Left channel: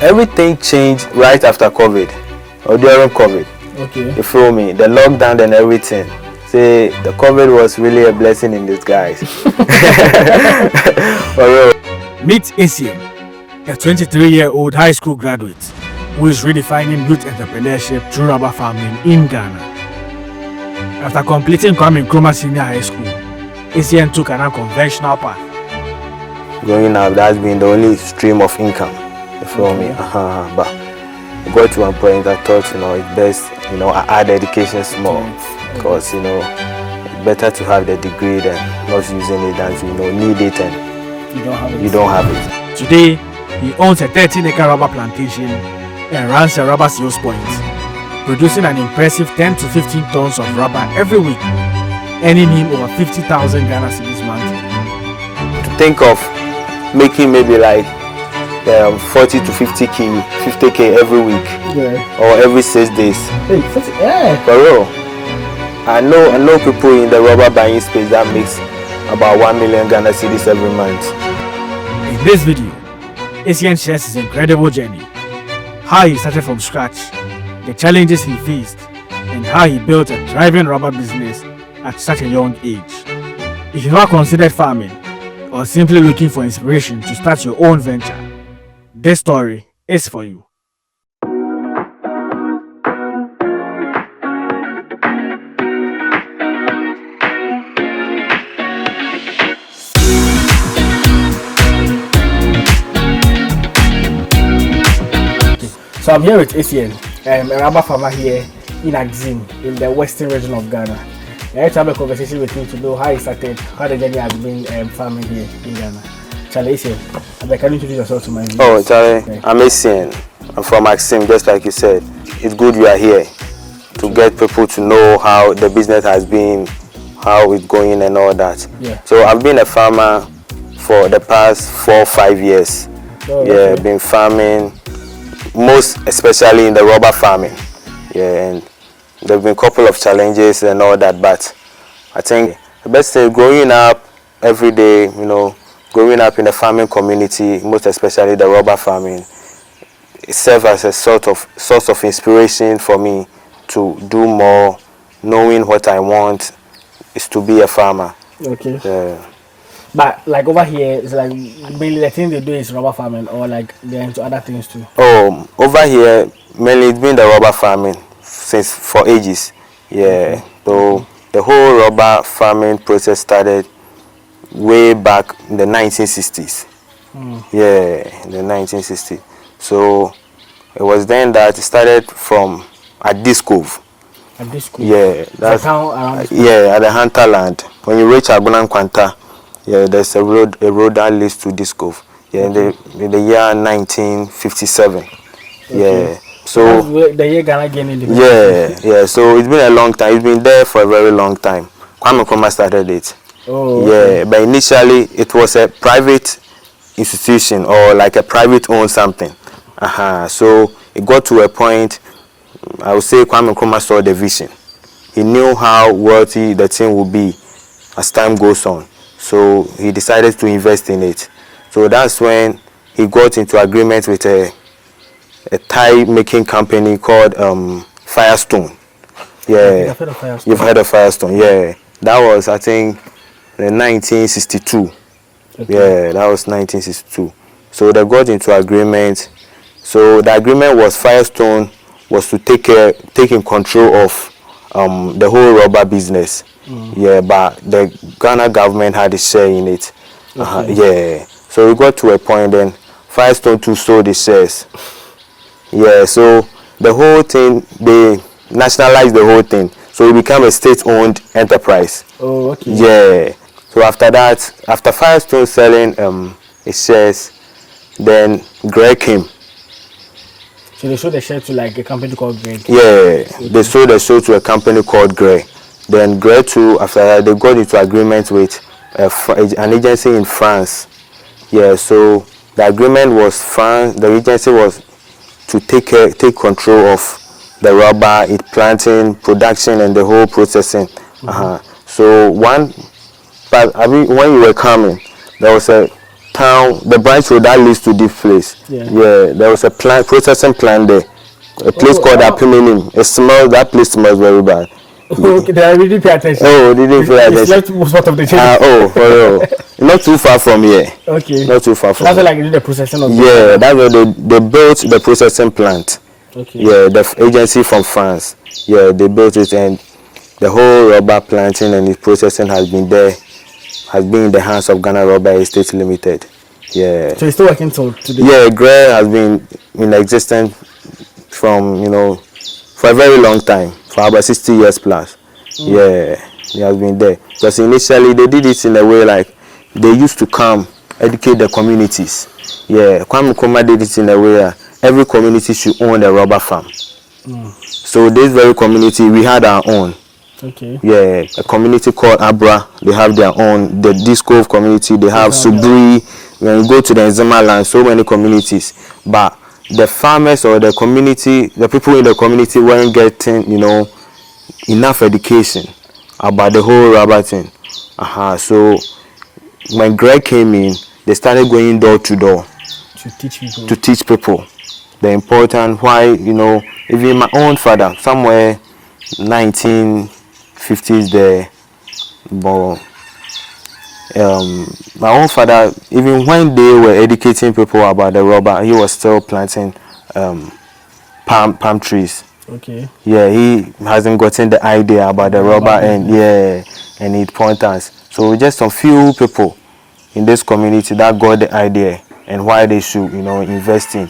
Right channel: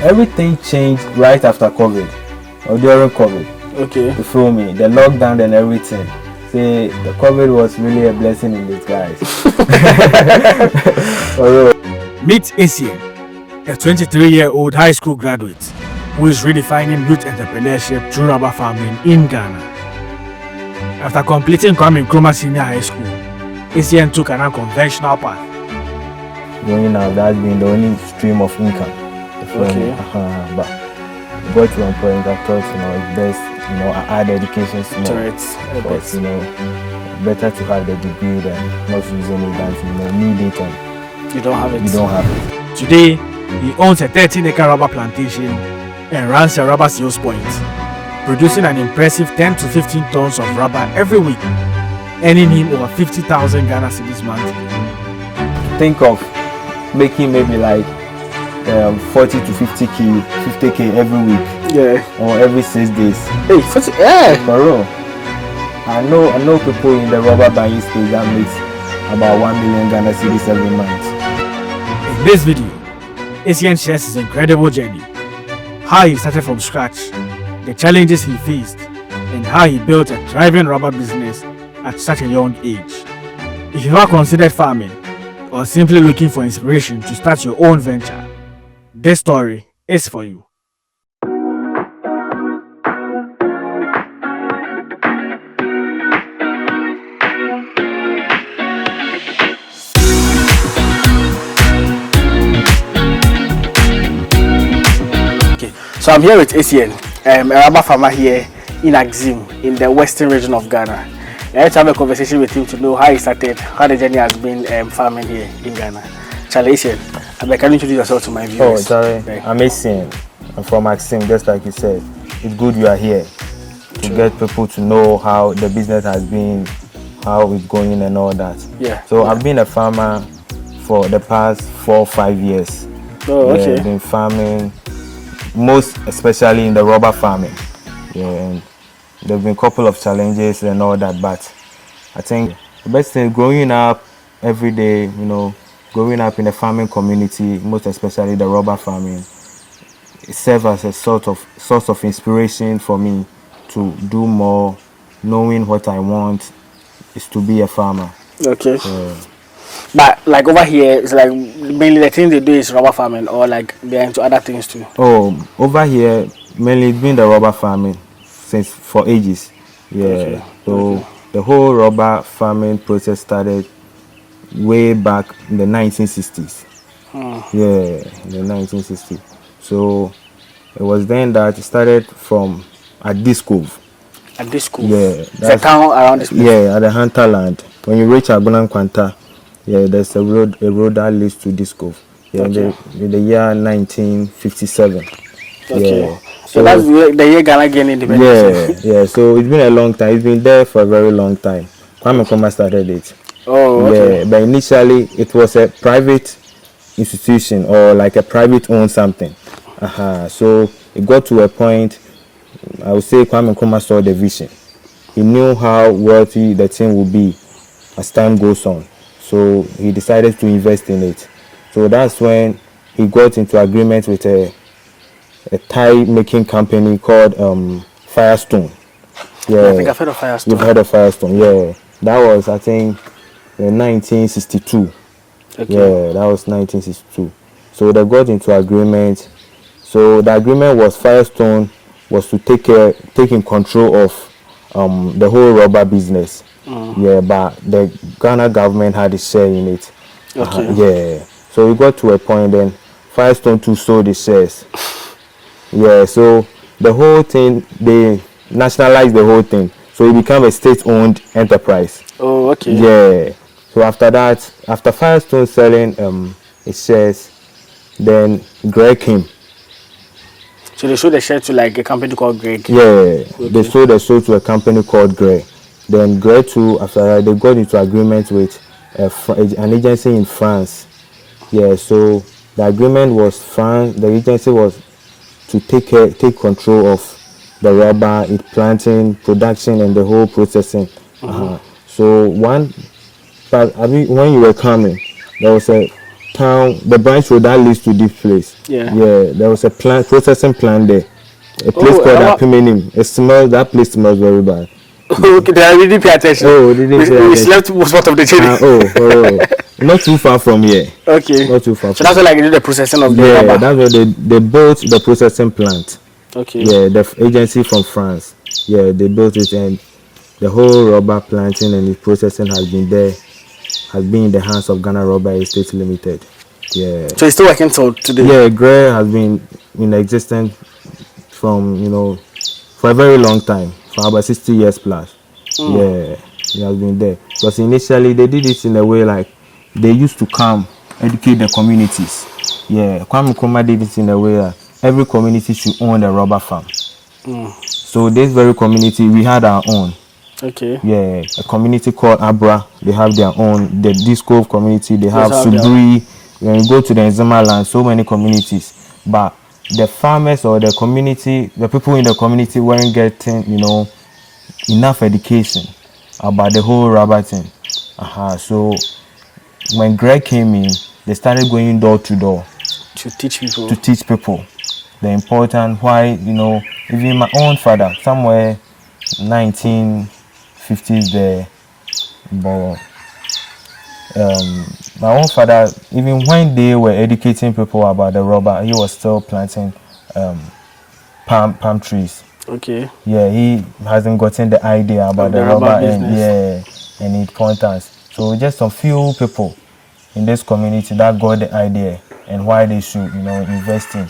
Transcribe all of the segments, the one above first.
everything changed right after COVID or during COVID. Okay. You feel me? The lockdown and everything. See, the COVID was really a blessing in disguise. For real. Meet Essien, a 23-year-old high school graduate who is redefining youth entrepreneurship through rubber farming in Ghana. After completing Kwame Nkrumah Senior High School, Essien took an unconventional path. Growing up, that's been the only stream of income. You feel me? But I got to a point I thought, it's best, I add education small. Because, it's better to have the degree than not using it than to, need it and you don't have it. You don't have it. Today, he owns a 13-acre rubber plantation and runs a rubber sales point, producing an impressive 10 to 15 tons of rubber every week, earning him over 50,000 Ghana cedis monthly. To think of making maybe like 40 to 50k every week, or every 6 days. Hey, 40, for real. I know people in the rubber buying space that makes about 1 million Ghana cedis every month. In this video, Essien shares his incredible journey, how he started from scratch, the challenges he faced, and how he built a thriving rubber business at such a young age. If you have considered farming or simply looking for inspiration to start your own venture, this story is for you. So I'm here with Essien, a rubber farmer here in Agribusiness in the western region of Ghana. I had to have a conversation with him to know how he started, how the journey has been farming here in Ghana. Charlie, Essien, can you introduce yourself to my viewers? Oh, Charlie, I'm Essien. I'm from Agribusiness, just like you said. It's good you are here to get people to know how the business has been, how it's going and all that. Yeah. So I've been a farmer for the past 4 or 5 years. Oh, okay. I've been farming, most especially in the rubber farming. And there have been a couple of challenges and all that, but I think the best thing, growing up every day, growing up in the farming community, most especially the rubber farming, it serves as a source of inspiration for me to do more, knowing what I want is to be a farmer. Okay. But like over here, it's like mainly the thing they do is rubber farming, or like they're into other things too? Oh, over here, mainly it's been the rubber farming for ages. Yeah. So the whole rubber farming process started way back in the 1960s. Yeah, in the 1960s. So it was then that it started from at this cove. At this cove? Yeah. That's the town around this place? Yeah, at the Hunterland. When you reach Agunan Kwanta, there's a road that leads to this cove. Yeah, in the year 1957. Okay. Yeah. So that's the year Ghana gained independence. Yeah. So it's been a long time. It's been there for a very long time. Kwame Nkrumah started it. Oh, okay. Yeah, but initially it was a private institution or like a private owned something. So it got to a point, I would say Kwame Nkrumah saw the vision. He knew how wealthy the thing would be as time goes on. So he decided to invest in it. So that's when he got into agreement with a tie making company called Firestone. Yeah, I think I've heard of Firestone. You've heard of Firestone, yeah. That was, I think, in 1962. Okay. Yeah, that was 1962. So they got into agreement. So the agreement was Firestone was to take in control of the whole rubber business. Yeah, but the Ghana government had a share in it. Yeah. So we got to a point then Firestone too sold the shares. Yeah, so the whole thing, they nationalized the whole thing. So it became a state-owned enterprise. Oh, okay. Yeah. So after that, after Firestone selling its shares, then Greg came. So they sold the share to like a company called Greg? Yeah, okay. They sold the share to a company called Greg. Then Greg too, after that, they got into agreement with an agency in France. Yeah, so the agreement was the agency was to take control of the rubber, its planting, production, and the whole processing. So when you were coming, there was a town, the branch road that leads to this place. Yeah. There was a processing plant there. A place called Apiminim. That place smells very bad. Okay, I didn't pay attention. Oh, didn't pay attention. We slept most part of the journey. For real. Not too far from here. Okay. Not too far from that's why like they do the processing of that's where they built the processing plant. Okay. Yeah, the agency from France. Yeah, they built it, and the whole rubber planting and its processing has been in the hands of Ghana Rubber Estate Limited. Yeah. So it's still working till today? Yeah, GRE has been in existence from, for a very long time, for about 60 years plus. Yeah, it has been there. Because initially they did it in a way like they used to come educate the communities. Yeah, Kwame Nkrumah did it in a way that every community should own a rubber farm. So this very community, we had our own. Okay. Yeah, a community called Abra, they have their own. The Disco community, they have Subri. When you go to the Nzema land, so many communities. But the farmers or the community, the people in the community weren't getting, enough education about the whole rubber thing. So when Greg came in, they started going door to door to teach people the important why, even my own father, somewhere 1950s there, but my own father, even when they were educating people about the rubber, he was still planting palm trees. Okay. Yeah, he hasn't gotten the idea about the rubber and its importance. So just a few people in this community that got the idea and why they should, invest in.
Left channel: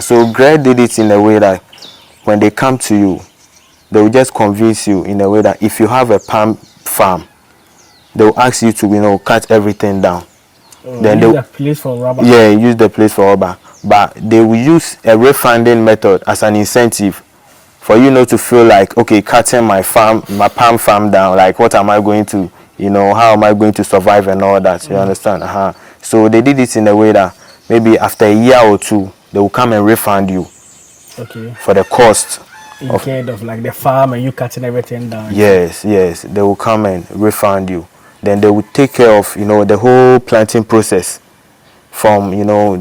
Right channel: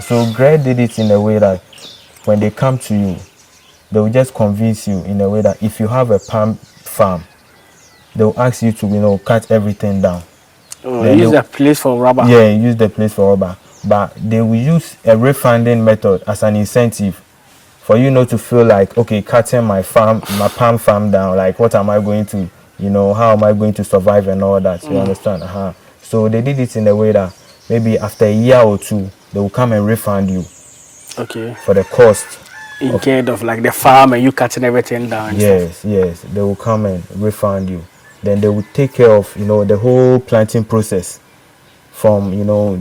So Greg did it in a way that when they come to you, they will just convince you in a way that if you have a palm farm, they will ask you to, cut everything down. Then use the place for rubber. Yeah, use the place for rubber. But they will use a refunding method as an incentive for you not to feel like, okay, cutting my palm farm down, like what am I going to, how am I going to survive and all that, you understand? So they did it in a way that maybe after a year or two, they will come and refund you. Okay. For the cost. Instead of like the farm and you cutting everything down. Yes, they will come and refund you. Then they will take care of, the whole planting process from,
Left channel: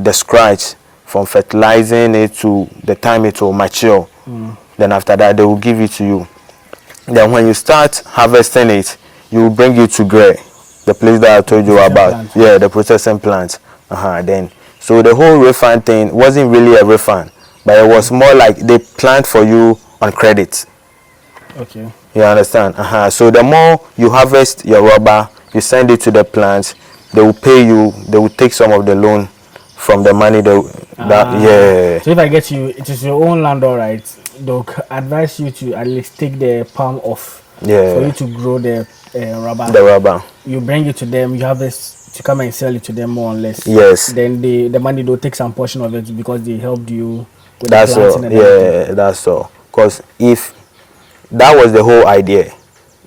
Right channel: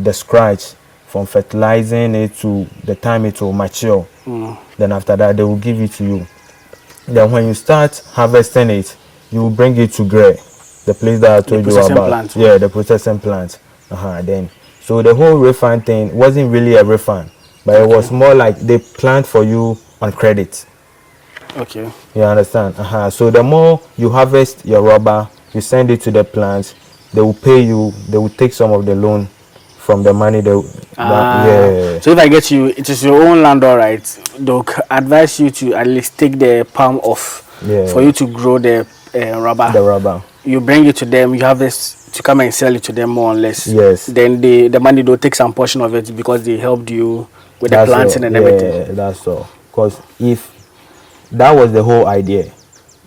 the scratch, from fertilizing it to the time it will mature. Then after that, they will give it to you. Then when you start harvesting it, you will bring it to Grey, the place that I told you about. Plant. Yeah, the processing plant. Then, so the whole refund thing wasn't really a refund, but it was more like they plant for you on credit. Okay. You understand? So the more you harvest your rubber, you send it to the plants, they will pay you, they will take some of the loan from the money yeah. So if I get you, it is your own land, all right, they'll advise you to at least take the palm off for you to grow the rubber. The rubber. You bring it to them, you harvest to come and sell it to them more or less. Yes. Then the money, they'll take some portion of it because they helped you with the planting and everything. Yeah, that's all. Because if that was the whole idea,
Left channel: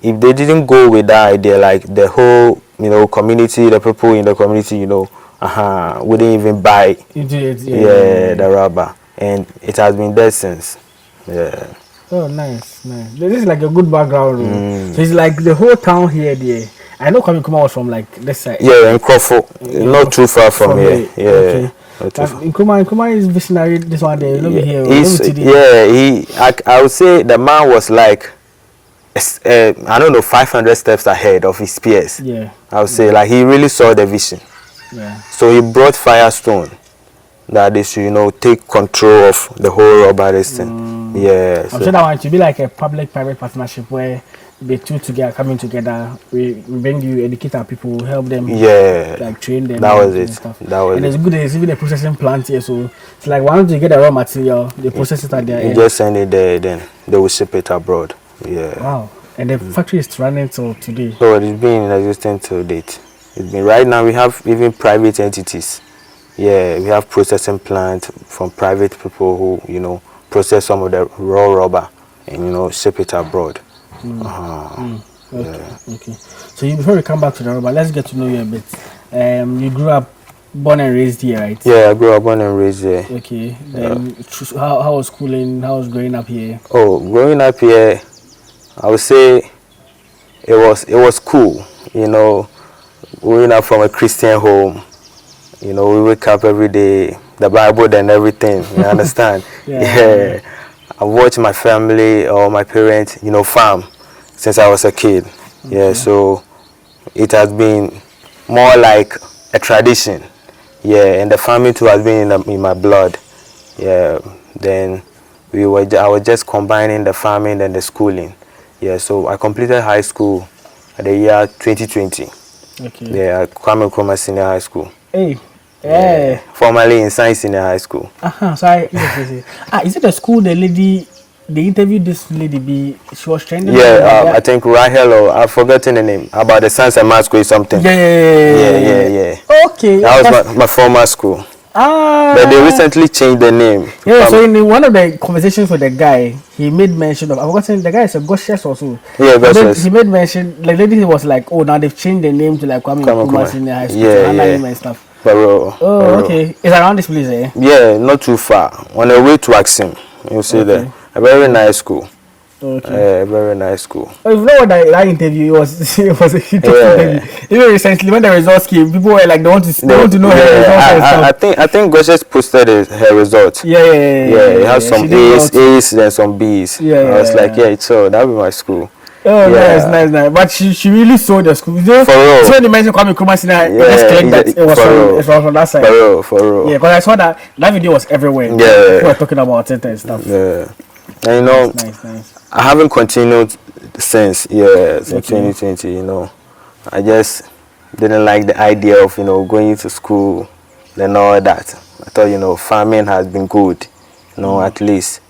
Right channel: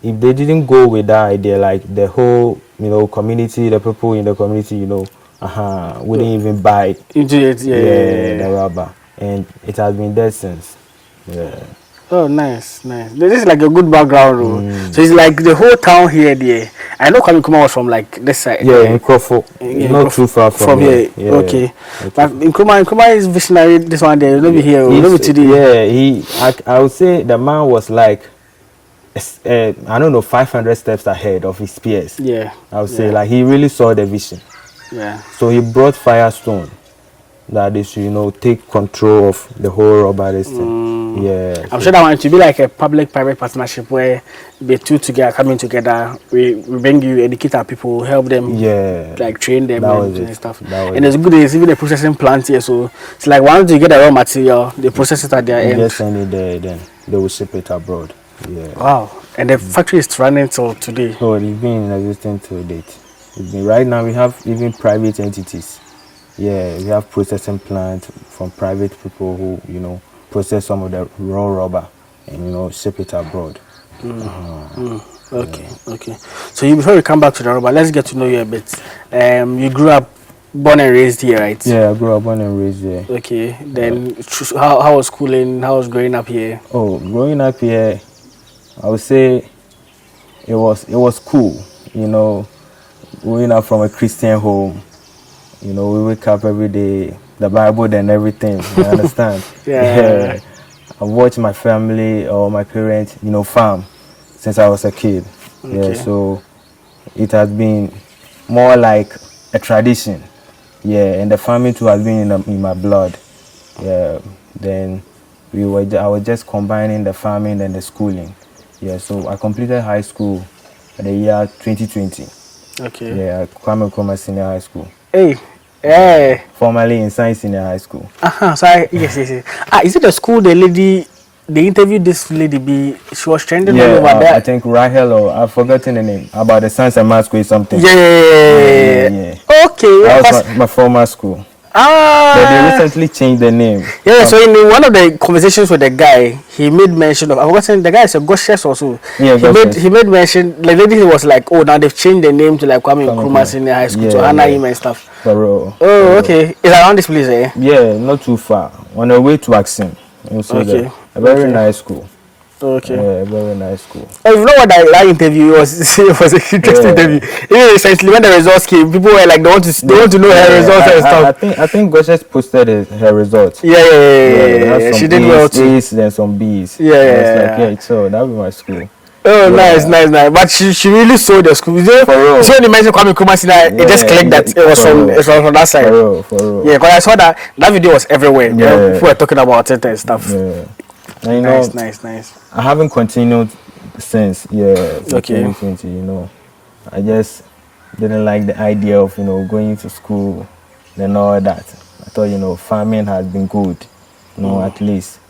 if they didn't go with that idea, like the whole, community, the people in the community, wouldn't even buy the rubber. And it has been there since. Yeah. Oh, nice. This is like a good background. So it's like the whole town here, there. I know Kwame Nkrumah was from like this side. Yeah, Nkrumah, not too far from here. Yeah. Okay. Nkrumah is visionary. This one there. Let me hear. I would say the man was like, I don't know, 500 steps ahead of his peers. Yeah. I would say like he really saw the vision. Yeah. So he brought Firestone that they should, take control of the whole rubber thing. Yeah. I'm sure that one to be like a public-private partnership where the two together coming together. We bring you, educate our people, help them. Yeah. Like train them. That was and it. stuff. And it's good. There's even a processing plant here, so it's like once you get the raw material, they process it at their end. Just send it there, then they will ship it abroad. Yeah. Wow. And the factory is running till today. So it's been in existence till date. Right now we have even private entities. Yeah, we have processing plant from private people who, process some of the raw rubber and, ship it abroad. Okay. So before we come back to the rubber, let's get to know you a bit. You grew up, born and raised here, right? Yeah, I grew up, born and raised here. Okay. Then how was schooling? How was growing up here? Oh, growing up here, I would say it was cool. Growing up from a Christian home, You know, we wake up every day, the Bible and everything. You understand? Yeah. I watch my family or my parents, you know, farm since I was a kid. Okay. Yeah, so it has been more like a tradition. Yeah, and the farming too has been in my blood. Yeah, then I was just combining the farming and the schooling. Yeah, so I completed high school at the year 2020. Okay. Yeah, at Kwame Senior High School. Hey. Yeah. Formerly in Science Senior High School. Sorry. Yes. Is it the school the lady? They interviewed this lady. She was trending. Yeah, I think Rahel, or I've forgotten the name, about the Science and Math School or something. Yeah. Okay. That was my former school. But they recently changed the name. Yeah, so in one of the conversations with the guy, he made mention of, I was saying the guy is a Goshes also. Yeah, he made mention, the lady was like, oh, now they've changed the name to like Kwame Nkrumah Senior High School, to Ghanaian and stuff. Okay. It's around this place, eh? Yeah, not too far. On the way to Essien, you see that. A very nice school. Okay. Yeah, very nice school. Oh, you know what that interview was? It was an interesting interview. Even essentially, when the results came, people were like, they want to know her results and stuff. I think Goshes posted her results. Yeah. It has some A's and some B's. It's like, so that would be my school. Oh, nice. But she really sold the school. So when you mentioned Kwame Nkrumah, it just clicked that it was from that side. For real. Yeah, because I saw that video was everywhere. Yeah. People were talking about it and stuff. Yeah. And you know, nice. I haven't continued since 2020. You know, I just didn't like the idea of going to school and all that. I thought farming has been good. At least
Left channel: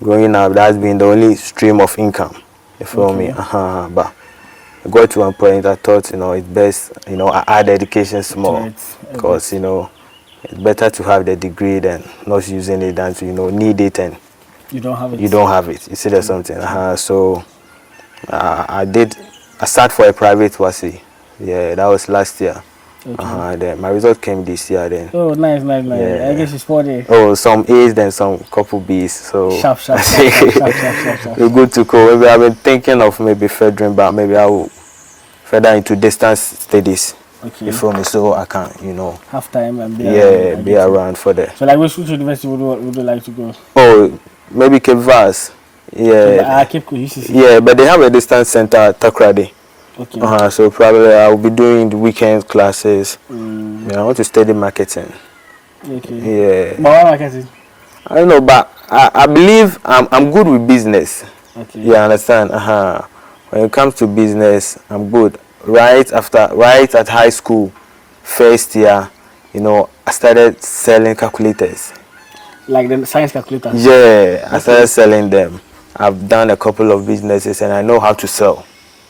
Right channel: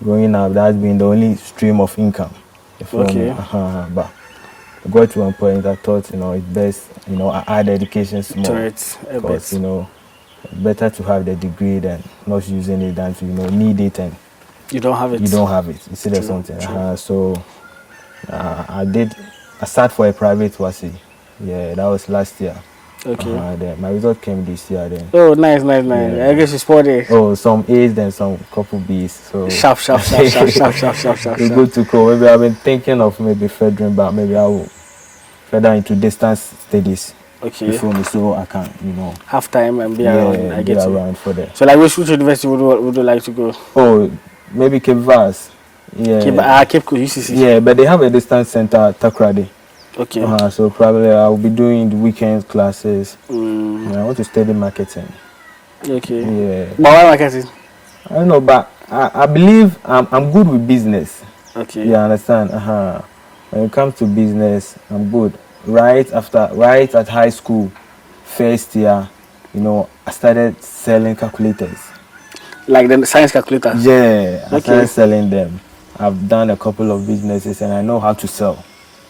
growing up, that's been the only stream of income. You feel me? But I got to one point I thought it's best I add education small because it's better to have the degree than not using it than to need it and you don't have it. You see, there's something. So I started for a private wasi. Yeah, that was last year. Okay. Then my result came this year. Then. Oh, nice. Yeah. I guess you spotted. Oh, some A's, then some couple B's. So sharp. You're good to go. Maybe I've been thinking of maybe furthering, but maybe I will further into distance studies. Okay. You feel me? So I can, have time and be around. Yeah, be around for that. So like, which university would you like to go? Oh, maybe Cape Vaz. Yeah. Cape Coast, UCC. Yeah, but they have a distance center at Takrady. Okay. So probably I will be doing the weekend classes. Yeah, I want to study marketing. Okay. Yeah. But why marketing? I don't know, but I believe I'm good with business. Okay. Yeah, understand? When it comes to business, I'm good. Right at high school, first year, I started selling calculators. Like the science calculators? Yeah, I started selling them. I've done a couple of businesses and I know how to sell.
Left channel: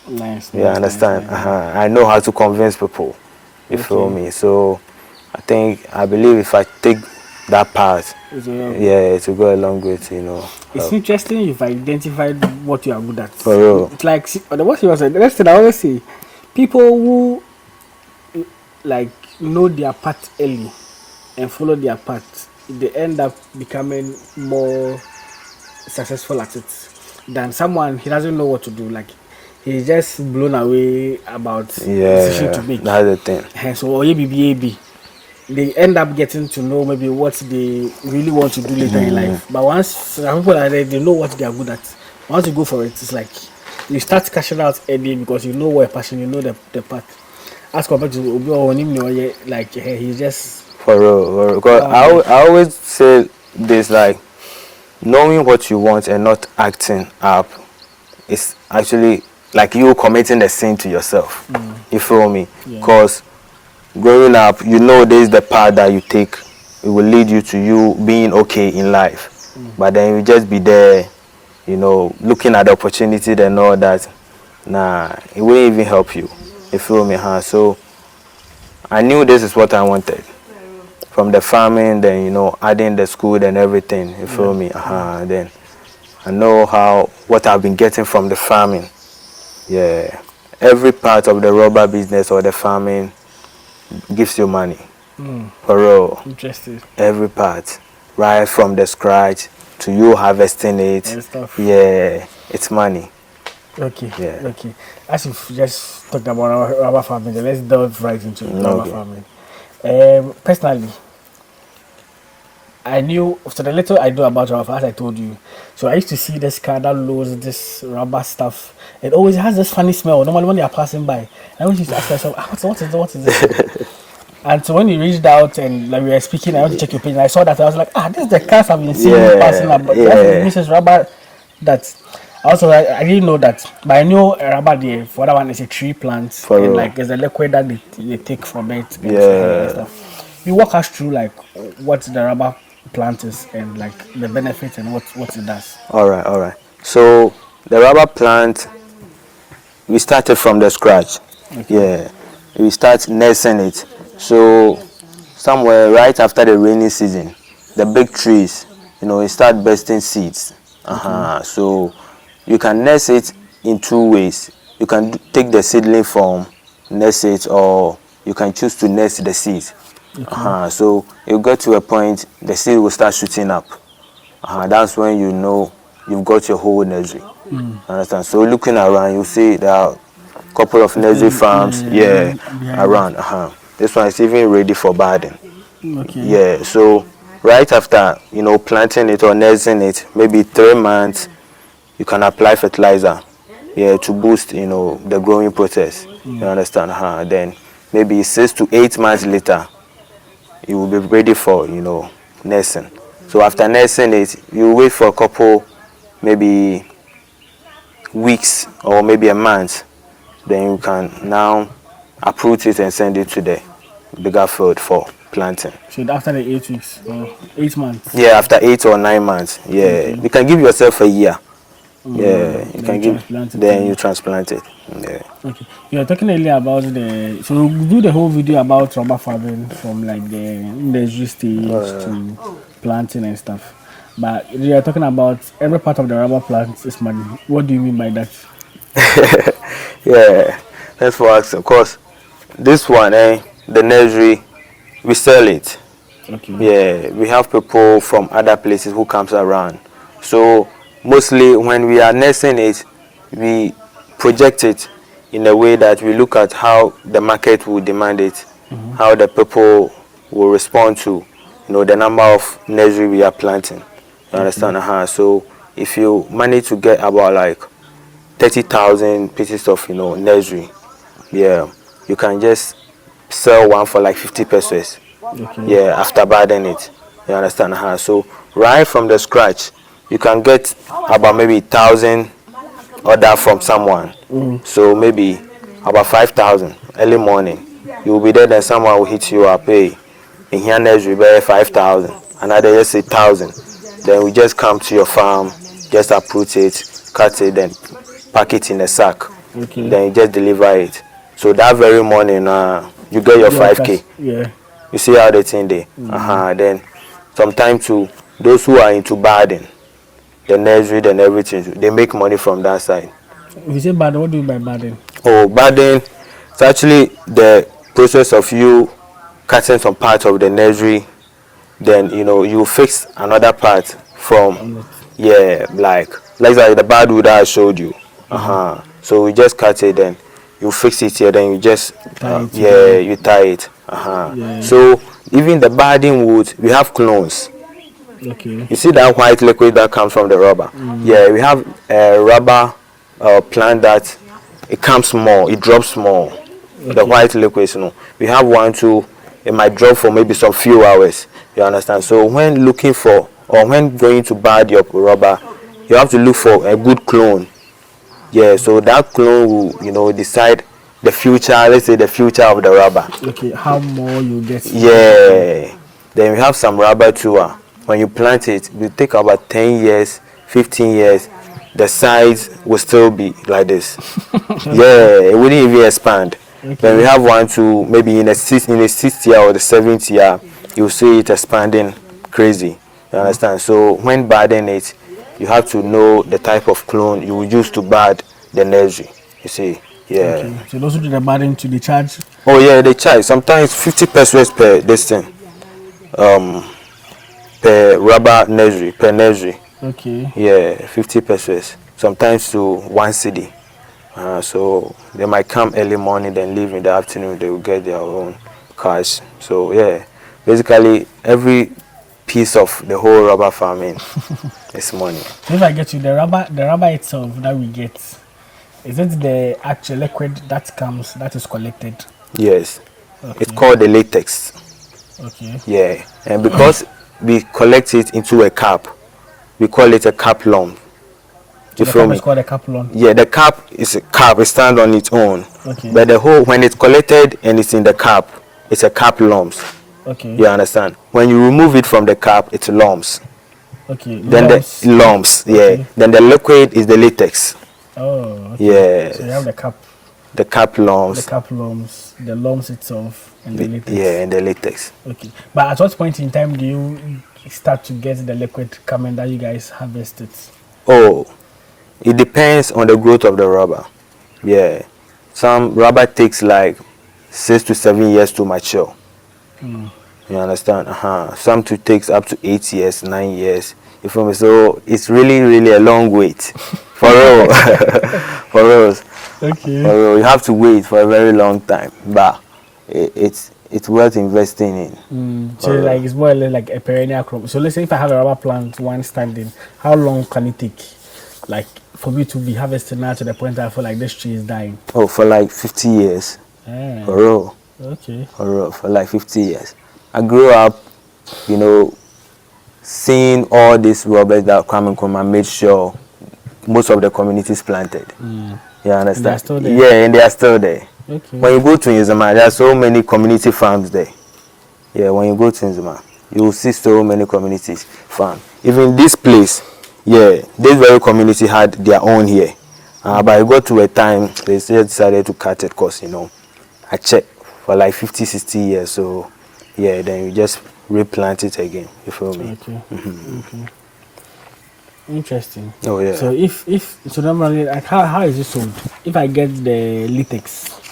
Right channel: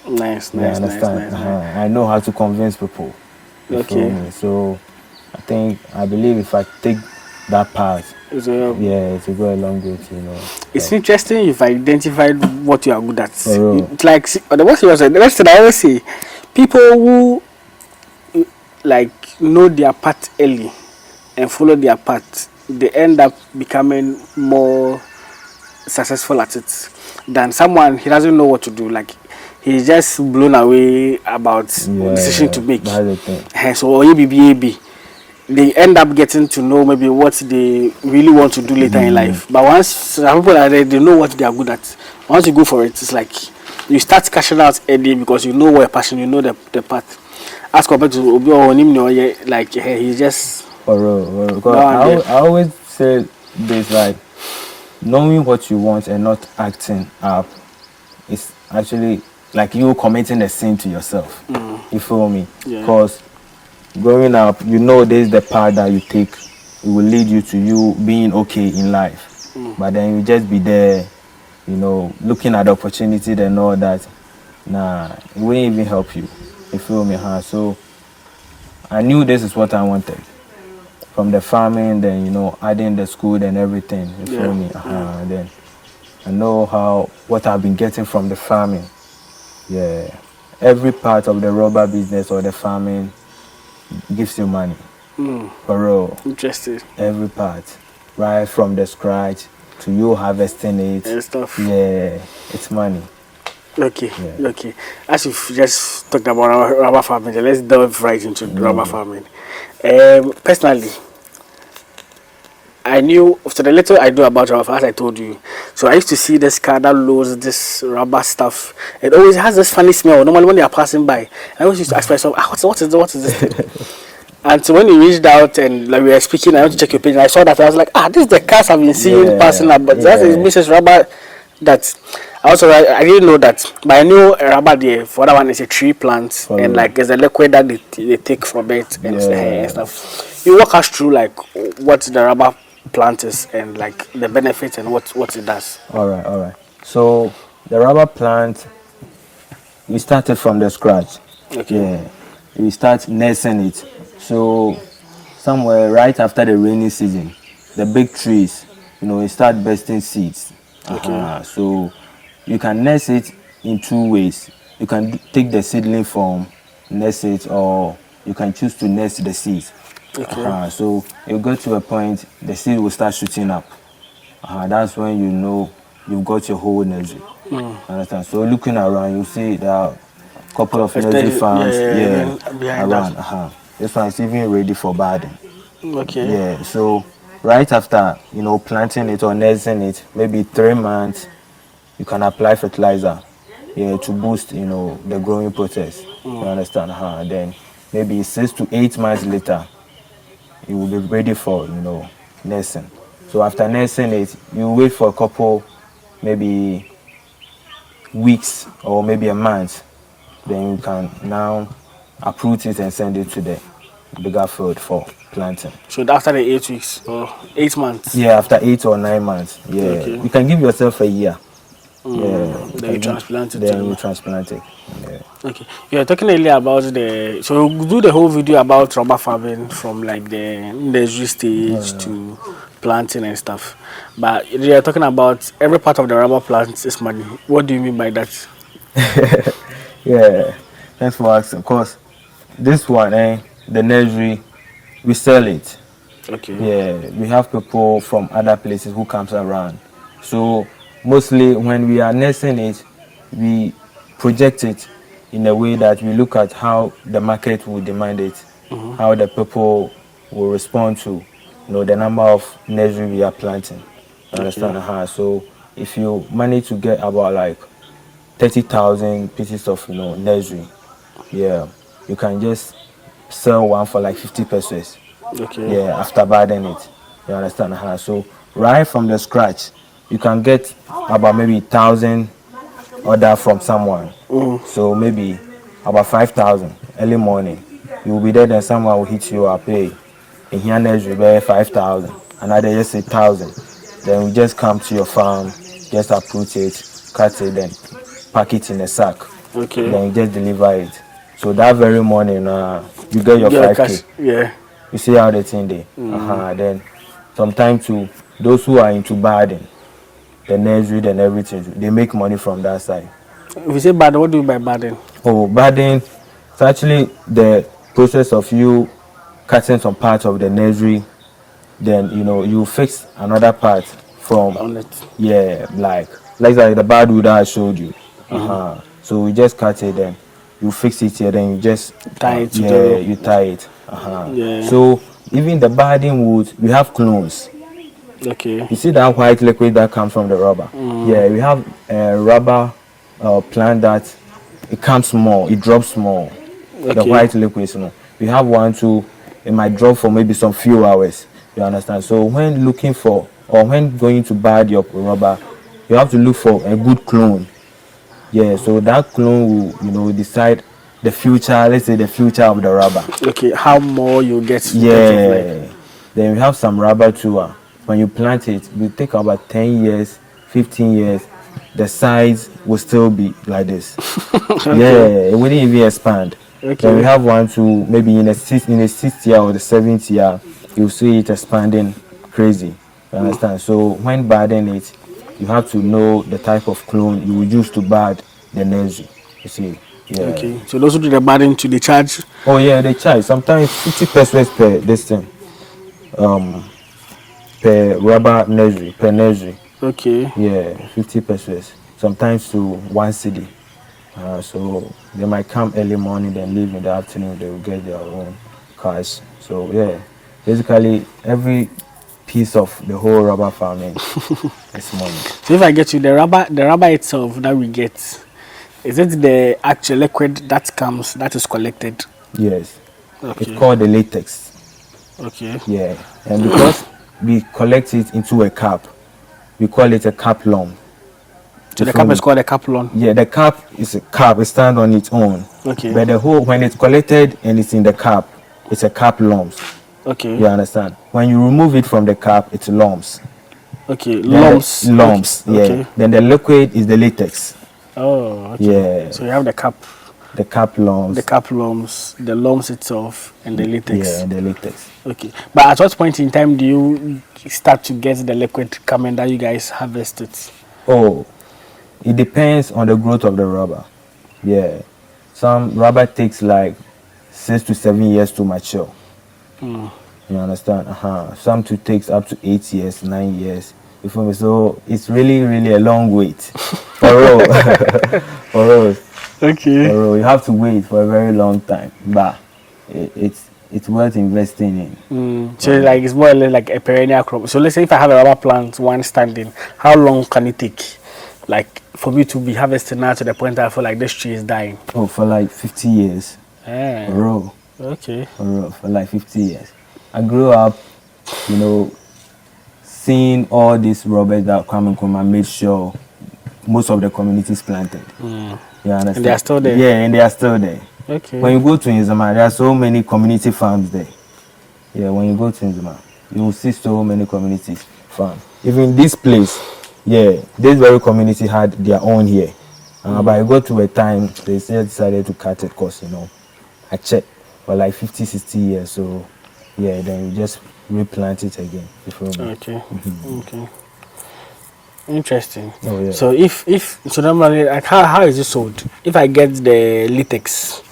Nice. Yeah, understand? Nice. I know how to convince people. You feel me? So I believe if I take that path, it will go a long way to, It's interesting you've identified what you are good at. For real. It's like, the worst thing I always say, people who like know their path early and follow their path, they end up becoming more successful at it than someone he doesn't know what to do. Like he's just blown away about decision to make. That's the thing. So they end up getting to know maybe what they really want to do later in life. But once some people are there, they know what they are good at. Once you go for it, it's like you start cashing out early because you know what passion, you know the path. As compared to Obi or him, like he's just for real. Because I always say this, like knowing what you want and not acting up is actually like you committing the sin to yourself. You feel me? Because growing up, this is the path that you take. It will lead you to you being okay in life. But then you just be there, looking at the opportunity and all that. Nah, it wouldn't even help you. You feel me? So I knew this is what I wanted. From the farming, then, adding the school and everything. You feel me? Then I know what I've been getting from the farming. Yeah. Every part of the rubber business or the farming gives you money. For real. Interesting. Every part. Right from the scratch to you harvesting it. And stuff. Yeah. It's money. Okay. Yeah. Okay. As you've just talked about rubber farming, let's delve right into rubber farming. Personally, I knew, so the little I do about rubber, as I told you. So I used to see this car that loads this rubber stuff. It always has this funny smell. Normally when they are passing by, I always used to ask myself, what is this? And so when you reached out and like we were speaking, I went to check your page. And I saw that I was like, this is the cars I've been seeing passing up. But that is Mrs. Rubber. That I didn't know that, but I knew rubber. The for that one is a tree plant, and like there's a liquid that they take from it and stuff. You walk us through like what the rubber plant is and like the benefits and what it does. All right. So the rubber plant, we started from the scratch. Okay. Yeah, we start nursing it. So somewhere right after the rainy season, the big trees, it start bursting seeds. Okay. So you can nurse it in two ways. You can take the seedling form, nurse it, or you can choose to nurse the seeds. Okay. So you get to a point, the seed will start shooting up. That's when you know you've got your whole nursery. Understand? So looking around, you see there are a couple of nursery farms, around. This one is even ready for budding. Okay. Yeah. So right after planting it or nursing it, maybe 3 months, you can apply fertilizer. Yeah, to boost the growing process. You understand? Then maybe 6 to 8 months later, you will be ready for nursing. So after nursing it, you wait for a couple, maybe weeks or maybe a month. Then you can now uproot it and send it to the bigger field for planting. So after the 8 weeks or 8 months? Yeah, after 8 or 9 months. Yeah, okay. You can give yourself a year. Yeah, you transplant it. Yeah. Okay. You're talking earlier about so we'll do the whole video about rubber farming from like the nursery stage to planting and stuff. But you're talking about every part of the rubber plant is money. What do you mean by that? Yeah, that's for us. Of course, this one, the nursery, we sell it. Okay. Yeah, we have people from other places who comes around. So mostly when we are nursing it, we project it in a way that we look at how the market will demand it, how the people will respond to the number of nursery we are planting. You understand? So if you manage to get about like 30,000 pieces of nursery, yeah, you can just sell one for like 50 pesos. Okay. Yeah, after budding it. You understand? So right from the scratch, you can get about maybe 1,000 order from someone. So maybe about 5,000 early morning. You will be there, then someone will hit you up, hey, in here nursery, buy 5,000. Another just 1,000. Then we just come to your farm, just uproot it, cut it, then pack it in a sack. Okay. Then you just deliver it. So that very morning, you get your 5K. Yeah. You see how the thing there. Then sometimes to those who are into budding, the nursery and everything, they make money from that side. If you say budding, what do you mean by budding? Oh, budding, it's actually the process of you cutting some part of the nursery, then you fix another part from like the badwood I showed you. So we just cut it, then you fix it here, then you just tie it. You tie it. So even the budding wood, we have clones. Okay. You see that white liquid that comes from the rubber? Yeah, we have a rubber plant that it comes more, it drops more. Okay. The white liquids, we have one too. It might drop for maybe some few hours. You understand? So when looking for or when going to bud your rubber, you have to look for a good clone. Yeah, so that clone will decide the future. Let's say the future of the rubber. Okay, how more you get? Yeah. Then we have some rubber too. When you plant it, it will take about 10 years, 15 years. The size will still be like this. Okay. Yeah, it wouldn't even expand. Okay. Then we have one too, maybe in the 6th year or the 7th year, you see it expanding crazy. You understand? So when budding it, you have to know the type of clone you will use to bud the nursery. You see? Yeah. Okay. So those who do the budding, to the charge? Oh yeah, they charge. Sometimes 50 pesos per this thing. Per rubber nursery, per nursery. Okay. Yeah, 50 pesos. Sometimes to 1 cedi. So they might come early morning, then leave in the afternoon. They will get their own cash. So yeah, basically every piece of the whole rubber farming is money. So if I get you the rubber itself that we get, is it the actual liquid that comes that is collected? Yes, Okay. it's called the latex. Okay. Yeah, and because we collect it into a cap, we call it a cap lump. So the cap is called a cap lump. Yeah, the cap is a cap. It stands on its own. Okay. But the whole, when it's collected and it's in the cap, it's a cap lumps. Okay. You understand? When you remove it from the cap, it's lumps. Okay. Then Lumps. the lumps. Okay. Yeah. Okay. Then the liquid is the latex. Oh. Okay. Yeah. So you have the cap. The cap lumps. The cap lumps, the lumps itself, and the latex. Yeah, and the latex. Okay. But at what point in time do you start to get the liquid coming that you guys harvest it? Oh, it depends on the growth of the rubber. Yeah. Some rubber takes like 6 to 7 years to mature. You understand? Some too takes up to 8 years, 9 years. You feel me? So it's really a long wait for real. For real. Okay. For real. You have to wait for a very long time, but it's worth investing in. So like it's more or less like a perennial crop. So let's say if I have a rubber plant, one standing, how long can it take, like for me to be harvesting now to the point that I feel like this tree is dying? Oh, for like 50 years. Ah, For real. okay. For real. For like 50 years. I grew up, you know, seeing all these rubbers that Nkrumah made sure most of the communities planted. You understand? And they are still there? Yeah, and they are still there. Okay. When you go to Nkrumah, there are so many community farms there. Yeah, when you go to Nkrumah, you will see so many communities farm. Even this place, yeah, this very community had their own here. But I got to a time, they still decided to cut it because, you know, I checked for like 50, 60 years. So, yeah, then you just replant it again. You feel me? Okay. Okay. Interesting. Oh, yeah. So so normally, like how is it sold? If I get the latex,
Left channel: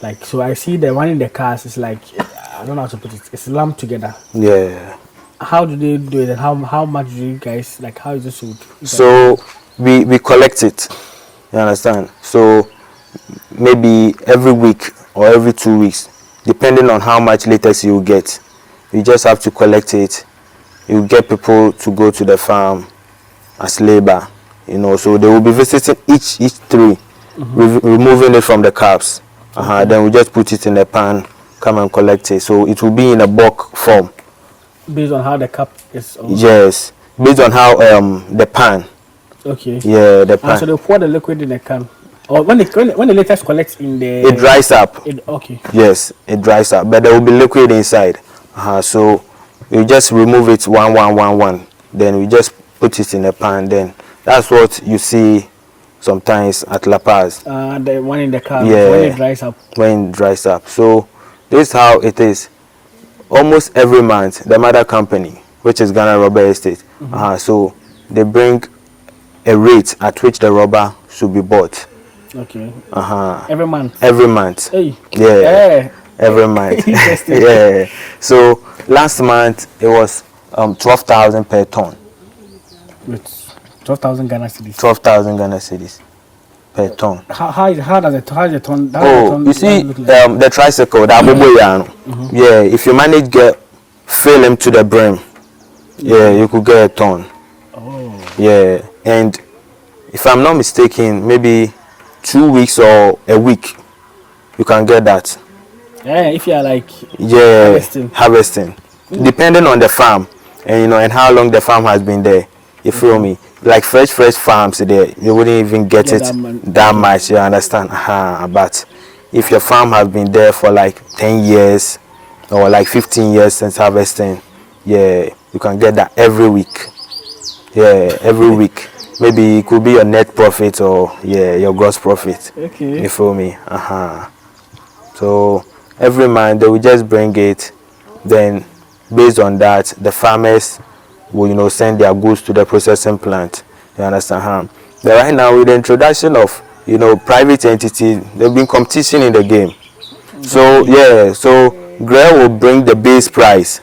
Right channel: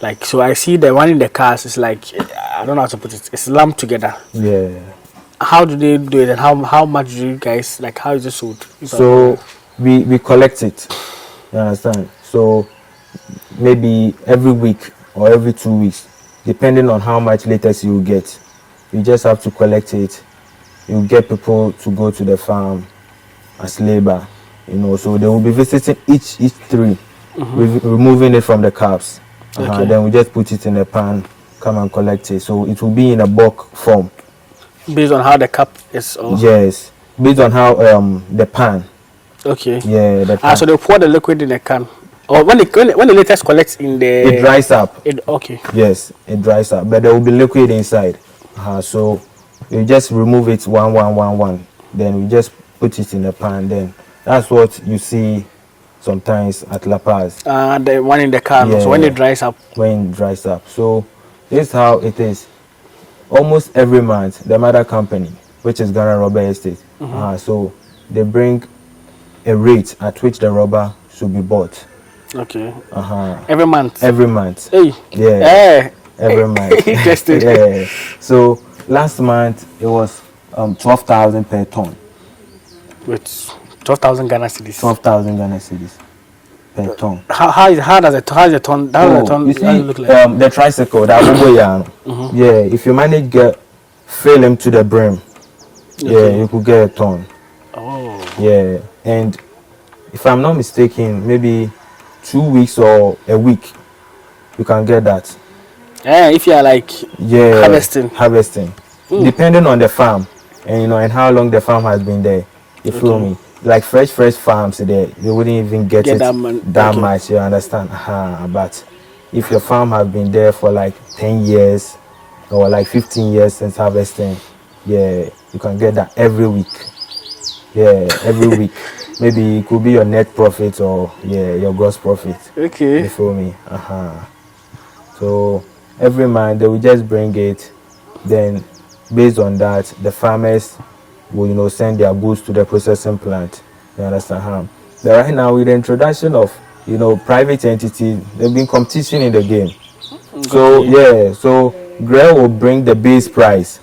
like, so I see the one in the cars is like, I don't know how to put it, it's lumped together. Yeah. How do they do it, and how much do you guys, like, how is it sold? So we collect it. You understand? So maybe every week or every 2 weeks, depending on how much latex you get, you just have to collect it. You get people to go to the farm as labor, you know, so they will be visiting each tree, removing it from the caps. Then we just put it in the pan, come and collect it. So it will be in a bulk form. Based on how the cap is also. Yes, based on how the pan. Okay. Yeah, the pan. So they pour the liquid in the can. Or when the latex collects in the... It dries up. Okay. Yes, it dries up, but there will be liquid inside. So you just remove it one. Then we just put it in a pan. Then that's what you see sometimes at La Paz. The one in the can. Yeah. So when it dries up. When it dries up. So this is how it is. Almost every month, the mother company, which is Ghana Rubber Estate, so they bring a rate at which the rubber should be bought. Okay. Every month. Every month. Hey. Yeah. Every month. Interesting. Yeah. So last month it was 12,000 per ton. With 12,000 Ghana cedis. 12,000 Ghana cedis per ton. How does the ton You see, look like? the tricycle, the Agribusiness. Yeah, if you manage fill him to the brim, yeah, you could get a ton. Oh. Yeah, and if I'm not mistaken, maybe 2 weeks or a week, you can get that. Yeah, if you are like harvesting, depending on the farm, and you know, and how long the farm has been there. You feel me? Like fresh farms there, you wouldn't even get it that much. You understand? But if your farm has been there for like 10 years or like 15 years since harvesting, yeah, you can get that every week. Yeah, every week. Maybe it could be your net profit or your gross profit. Okay. You feel me? So every month they will just bring it. Then based on that, the farmers will, you know, send their goods to the processing plant. You understand? But right now, with the introduction of, you know, private entities, there's been competition in the game. So so Grell will bring the base price,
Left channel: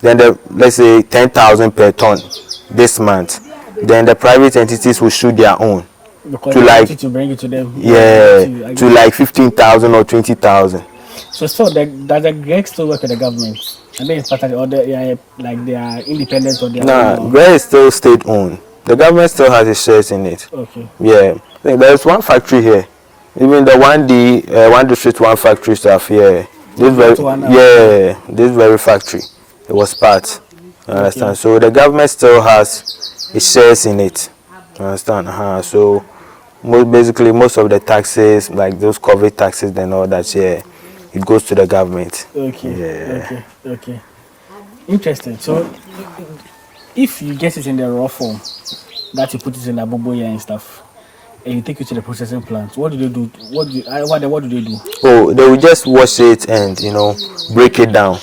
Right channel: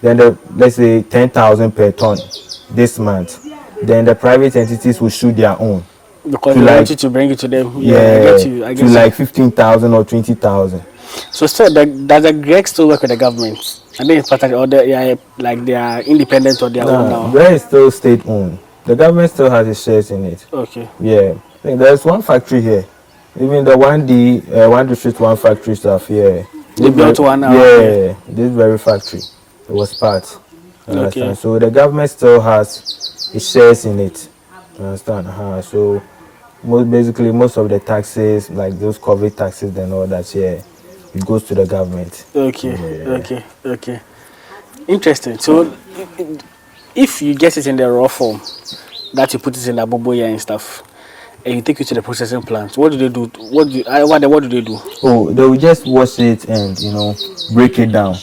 then let's say 10,000 per ton this month. Then the private entities will shoot their own. Because they want you to bring it to them. Yeah, to like 15,000 or 20,000. So still, does the Greg still work with the government? I think it's part of, or they are independent or they are Nah, own. Gre is still state owned. The government still has its shares in it. Okay. Yeah, there's one factory here. Even the 1D, one district, one factory stuff here. This very, yeah, this very factory. It was part. You understand? So the government still has its shares in it. You understand? So basically most of the taxes, like those COVID taxes and all that, yeah, it goes to the government. Okay. Okay. Interesting. So if you get it in the raw form, that you put it in the boboya and stuff, and you take it to the processing plant, what do they do? What do they do? Oh, they will just wash it and break it down.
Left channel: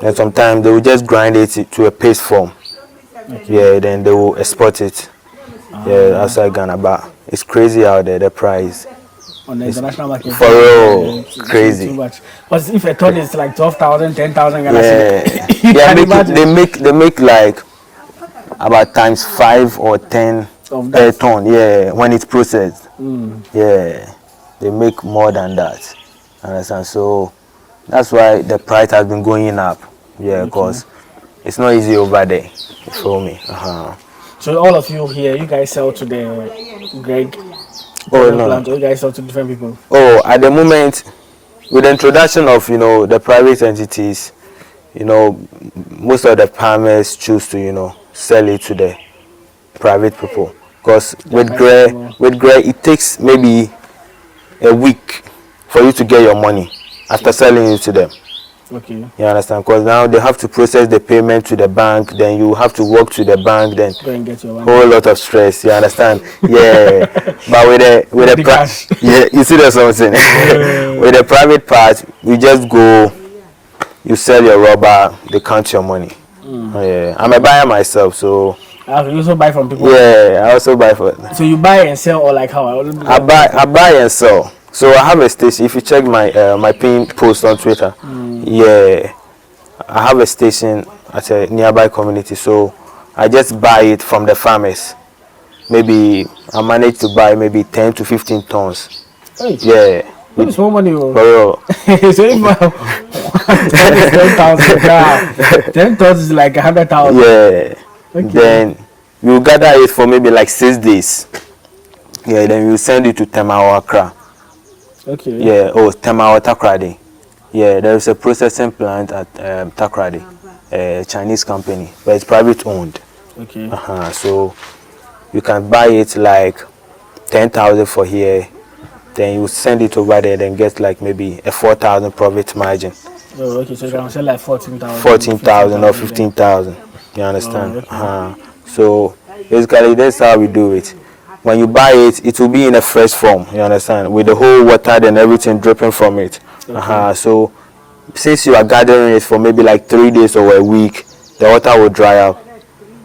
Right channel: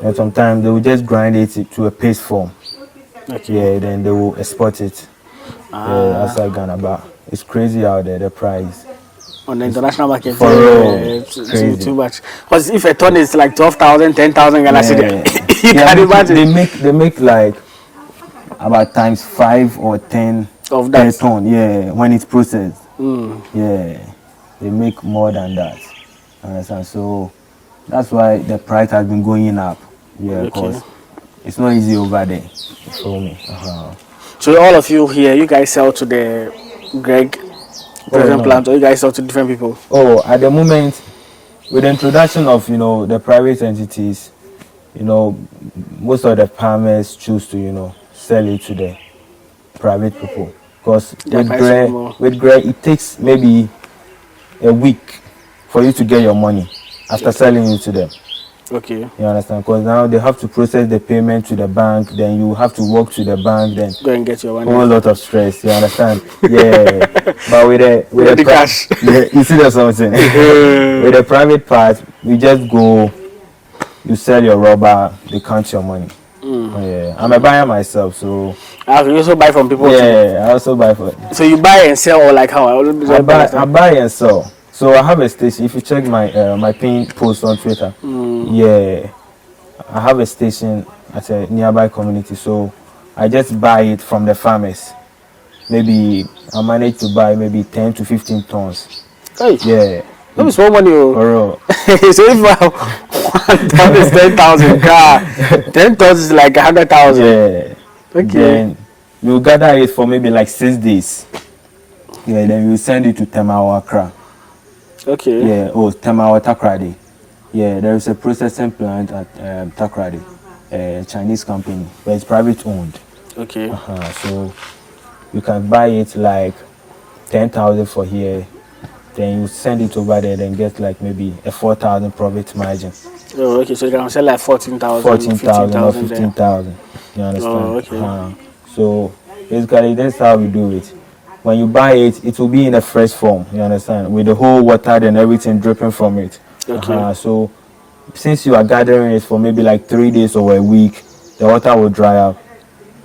And sometimes they will just grind it to a paste form. Okay. Yeah, then they will export it. Yeah, outside Ghana, but it's crazy out there, the price. On the international market, for real, crazy. Too much. Because if a ton is like 12,000, 10,000 Ghana, you can imagine. They make like about times 5 or 10 of per ton. Yeah, when it's processed. Yeah, they make more than that. Understand? So that's why the price has been going up. Yeah, because it's not easy over there. You feel me? So all of you here, you guys sell to the Greg plant, or you guys sell to different people? Oh, at the moment, with the introduction of the private entities, most of the farmers choose to sell it to the private people, because with Greg it takes maybe a week for you to get your money after selling it to them. Okay. You understand? Because now they have to process the payment to the bank, then you have to walk to the bank, then go and get your money. Whole lot of stress. You understand? Yeah. But with the cash, yeah, you see there's something. With the private part, we just go. You sell your rubber, they count your money. Yeah. I'm a buyer myself, so. You also buy from people. Yeah, I also buy for. So you buy and sell, or like how? I buy and sell. So I have a station. If you check my pin post on Twitter, yeah, I have a station at a nearby community. So I just buy it from the farmers. Maybe I manage to buy maybe 10 to 15 tons. Hey. Yeah. That's more money. For real. So if 1 ton is 10,000, 10 tons is like 100,000. Yeah. Okay. Then you gather it for maybe like 6 days. Yeah. Then you send it to Tema Accra. Okay. Yeah. Oh, Tema Takrady. Yeah. There is a processing plant at Takrady, a Chinese company, but it's private owned. Okay. So you can buy it like 10,000 for here. Then you send it over there, then get like maybe a 4,000 profit margin. Oh, okay. So you can sell like 14,000. 14,000 or 15,000. You understand? Oh, okay. So basically, that's how we do it. When you buy it, it will be in a fresh form. You understand? With the whole water and everything dripping from it. Okay. So since you are gathering it for maybe like 3 days or a week, the water will dry out.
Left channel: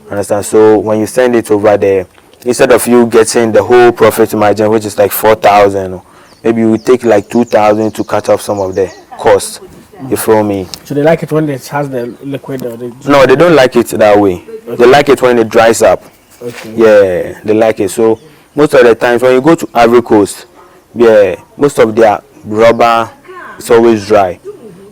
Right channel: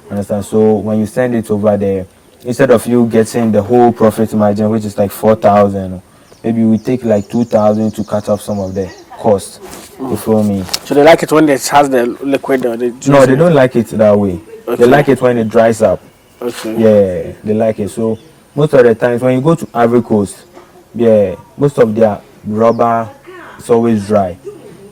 Understand? So when you send it over there, instead of you getting the whole profit margin, which is like 4,000, maybe you take like 2,000 to cut off some of the cost. You feel me? So they like it when it has the liquid? No, they don't like it that way. Okay. They like it when it dries up. Okay. Yeah, they like it. So most of the times when you go to Ivory Coast, yeah, most of their rubber is always dry.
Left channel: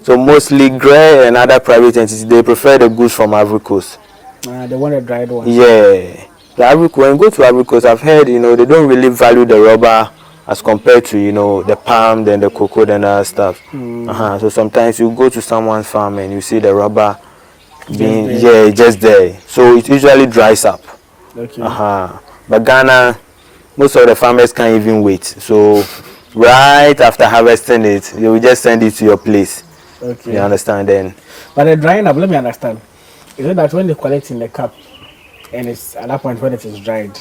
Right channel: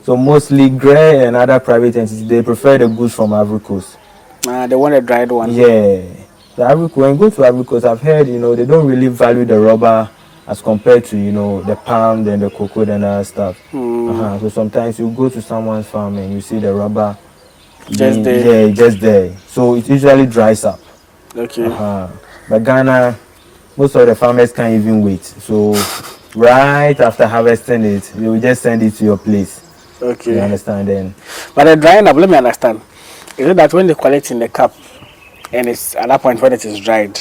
So mostly Grey and other private entities, they prefer the goods from Ivory Coast. They want a dried one. Yeah. When you go to Ivory Coast, I've heard, they don't really value the rubber as compared to, the palm, then the cocoa, and other stuff. So sometimes you go to someone's farm and you see the rubber just there. So it usually dries up. Okay. But Ghana, most of the farmers can't even wait. So right after harvesting it, they will just send it to your place. Okay. You understand then? But the drying up, let me understand. Is it that when they collect in the cup, and it's at that point when it is dried,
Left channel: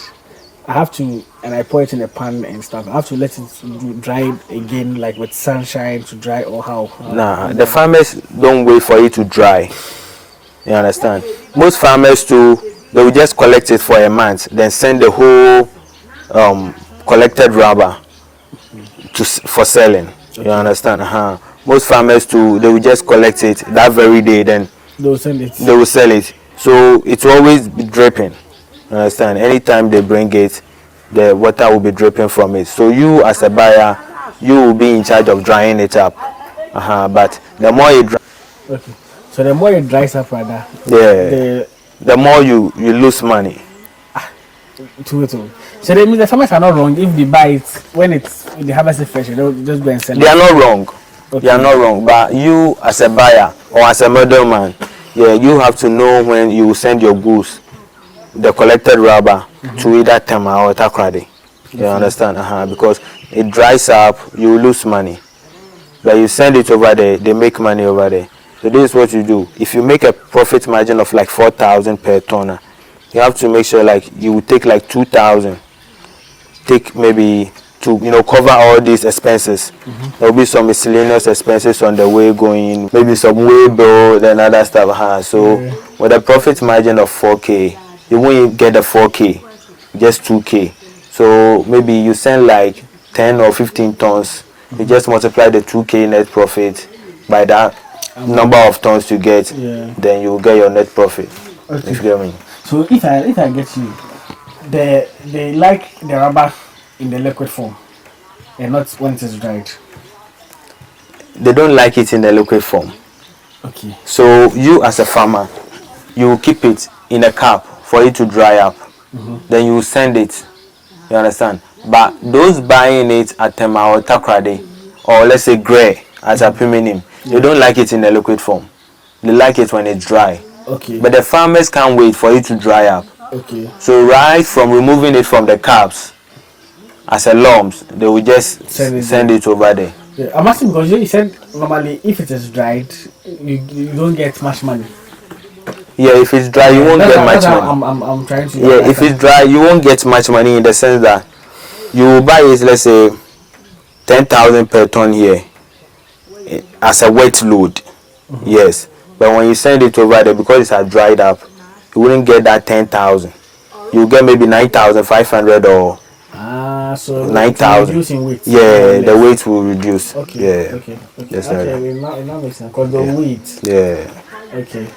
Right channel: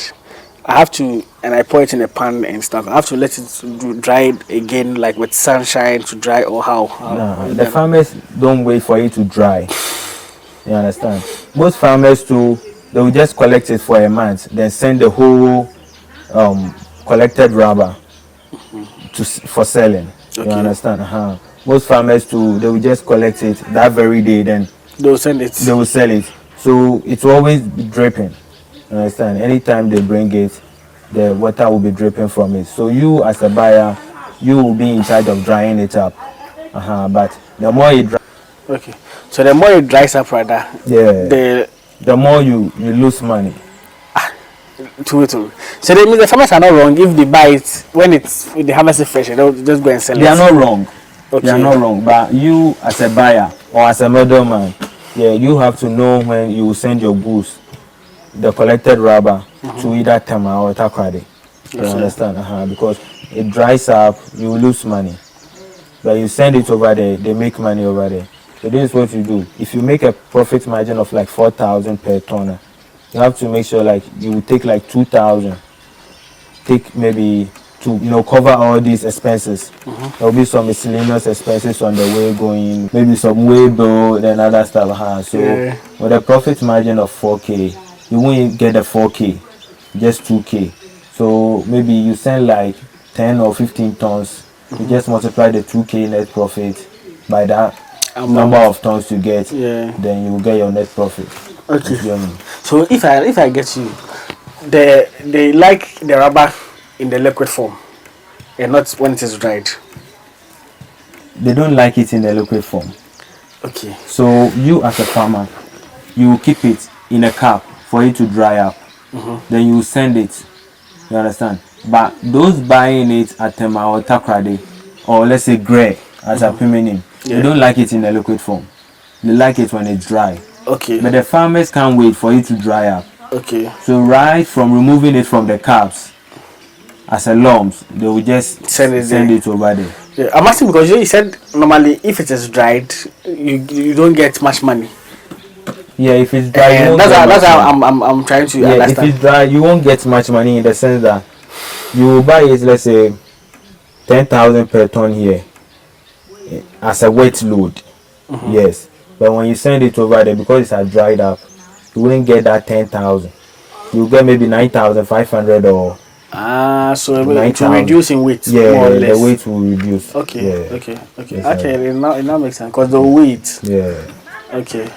I have to, and I pour it in a pan and stuff, I have to let it dry again, like with sunshine to dry, or how? Nah, the farmers don't wait for it to dry. You understand? Most farmers too, they will just collect it for a month, then send the whole collected rubber for selling. Okay. You understand? Most farmers too, they will just collect it that very day, then they will send it. They will sell it. So it will always be dripping. You understand? Anytime they bring it, the water will be dripping from it. So you as a buyer, you will be in charge of drying it up. But the more it dries, Okay. So the more it dries up, rather, the more you lose money. True. So that means the farmers are not wrong if they buy it when they harvest it fresh. They'll just go and sell it. They are not wrong. Okay. They are not wrong. But you, as a buyer or as a middleman, you have to know when you send your goods, the collected rubber, to either Tema or Takrade. You understand? Because it dries up, you lose money. But you send it over there, they make money over there. So this is what you do. If you make a profit margin of like 4,000 per tonne, you have to make sure like you will take like 2,000. Take maybe to cover all these expenses. There will be some miscellaneous expenses on the way going, maybe some way bill, then other stuff. So with a profit margin of 4K, you won't get the 4K, just 2K. So maybe you send like 10 or 15 tons. You just multiply the 2K net profit by that number of tons you get, then you will get your net profit. Okay. So if I get you, they like the rubber in the liquid form and not when it is dried. They don't like it in the liquid form. Okay. So you as a farmer, you will keep it in a cup for it to dry up. Then you will send it. You understand? But those buying it at Tema or Takrade, or let's say Grey as a premium, they don't like it in the liquid form. They like it when it's dry. Okay. But the farmers can't wait for it to dry up. Okay. So right from removing it from the cups as a lumps, they will just send it over there. Yeah, I'm asking because you said normally if it is dried, you don't get much money. Yeah, if it's dry, you won't get much money. I'm trying to. Yeah, if it's dry, you won't get much money in the sense that you will buy it, let's say, 10,000 per ton here as a wet load. Yes, but when you send it over there, because it's dried up, you wouldn't get that 10,000. You get maybe 9,500 or so 9,000. Reduce in weight. Yeah, the weight will reduce. Okay. Yeah. Okay. Yes, it now makes sense because the weight. Yeah. Okay.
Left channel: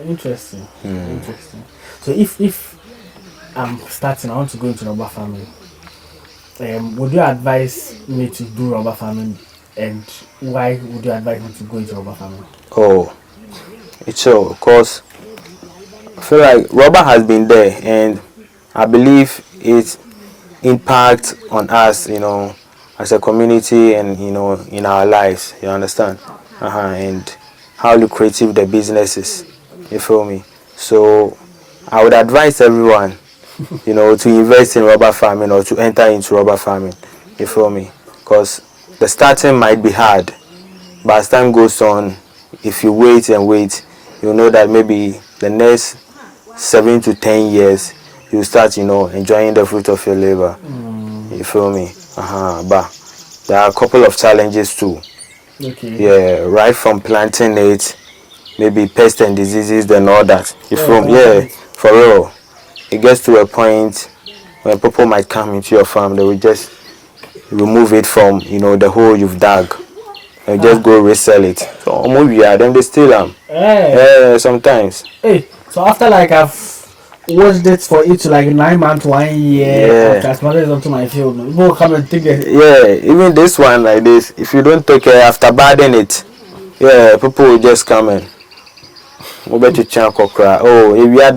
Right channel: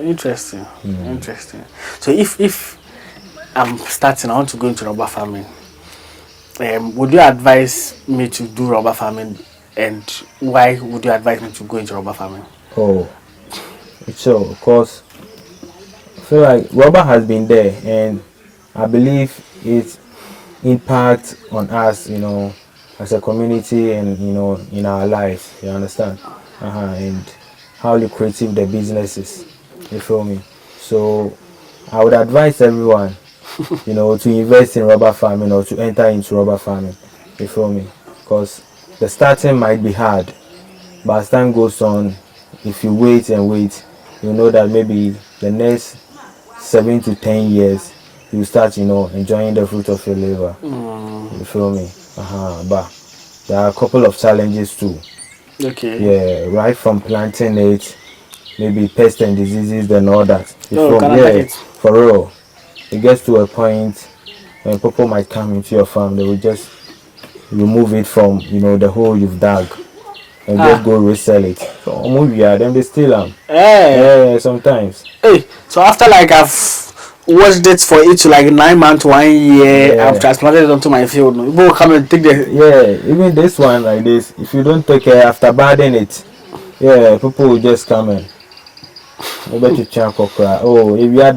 Interesting. Interesting. So if I'm starting, I want to go into rubber farming. Would you advise me to do rubber farming, and why would you advise me to go into rubber farming? Oh, it's so because I feel like rubber has been there, and I believe its impact on us, as a community, and in our lives. You understand? And how lucrative the business is. You feel me? So I would advise everyone, to invest in rubber farming or to enter into rubber farming. You feel me? Because the starting might be hard, but as time goes on, if you wait and wait, you'll know that maybe the next 7 to 10 years, you start, enjoying the fruit of your labor. You feel me? But there are a couple of challenges too. Okay. Yeah, right from planting it, maybe pests and diseases and all that. You feel me? Yeah, for real. It gets to a point when people might come into your farm, they will just remove it from, the hole you've dug and just go resell it. So maybe then they steal them. Yeah, sometimes. Hey, so after like I've watched it for each like 9 months, 1 year, I've transplanted it onto my field. People will come and take the. Yeah, even this one like this, if you don't take care after bathing it, people will just come in. Oh, if you had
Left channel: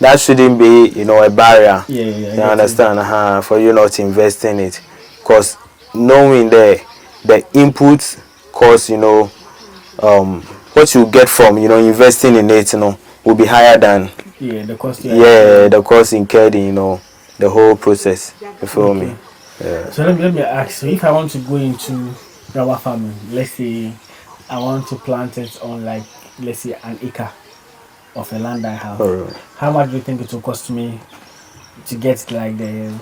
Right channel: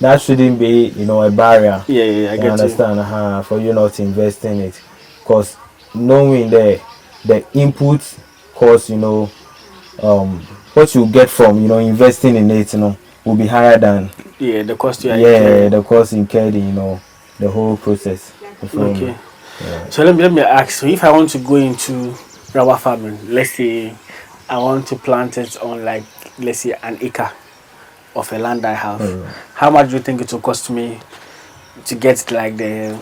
that shouldn't be, a barrier. Yeah, you understand? For you not to invest in it, because knowing the inputs cost, what you get from, investing in it, will be higher than the cost. The cost incurred in, the whole process. You feel me? Yeah. So let me ask. So if I want to go into rubber farming, let's say I want to plant it on like, let's say, an acre of a land I have. How much do you think it will cost me to get like the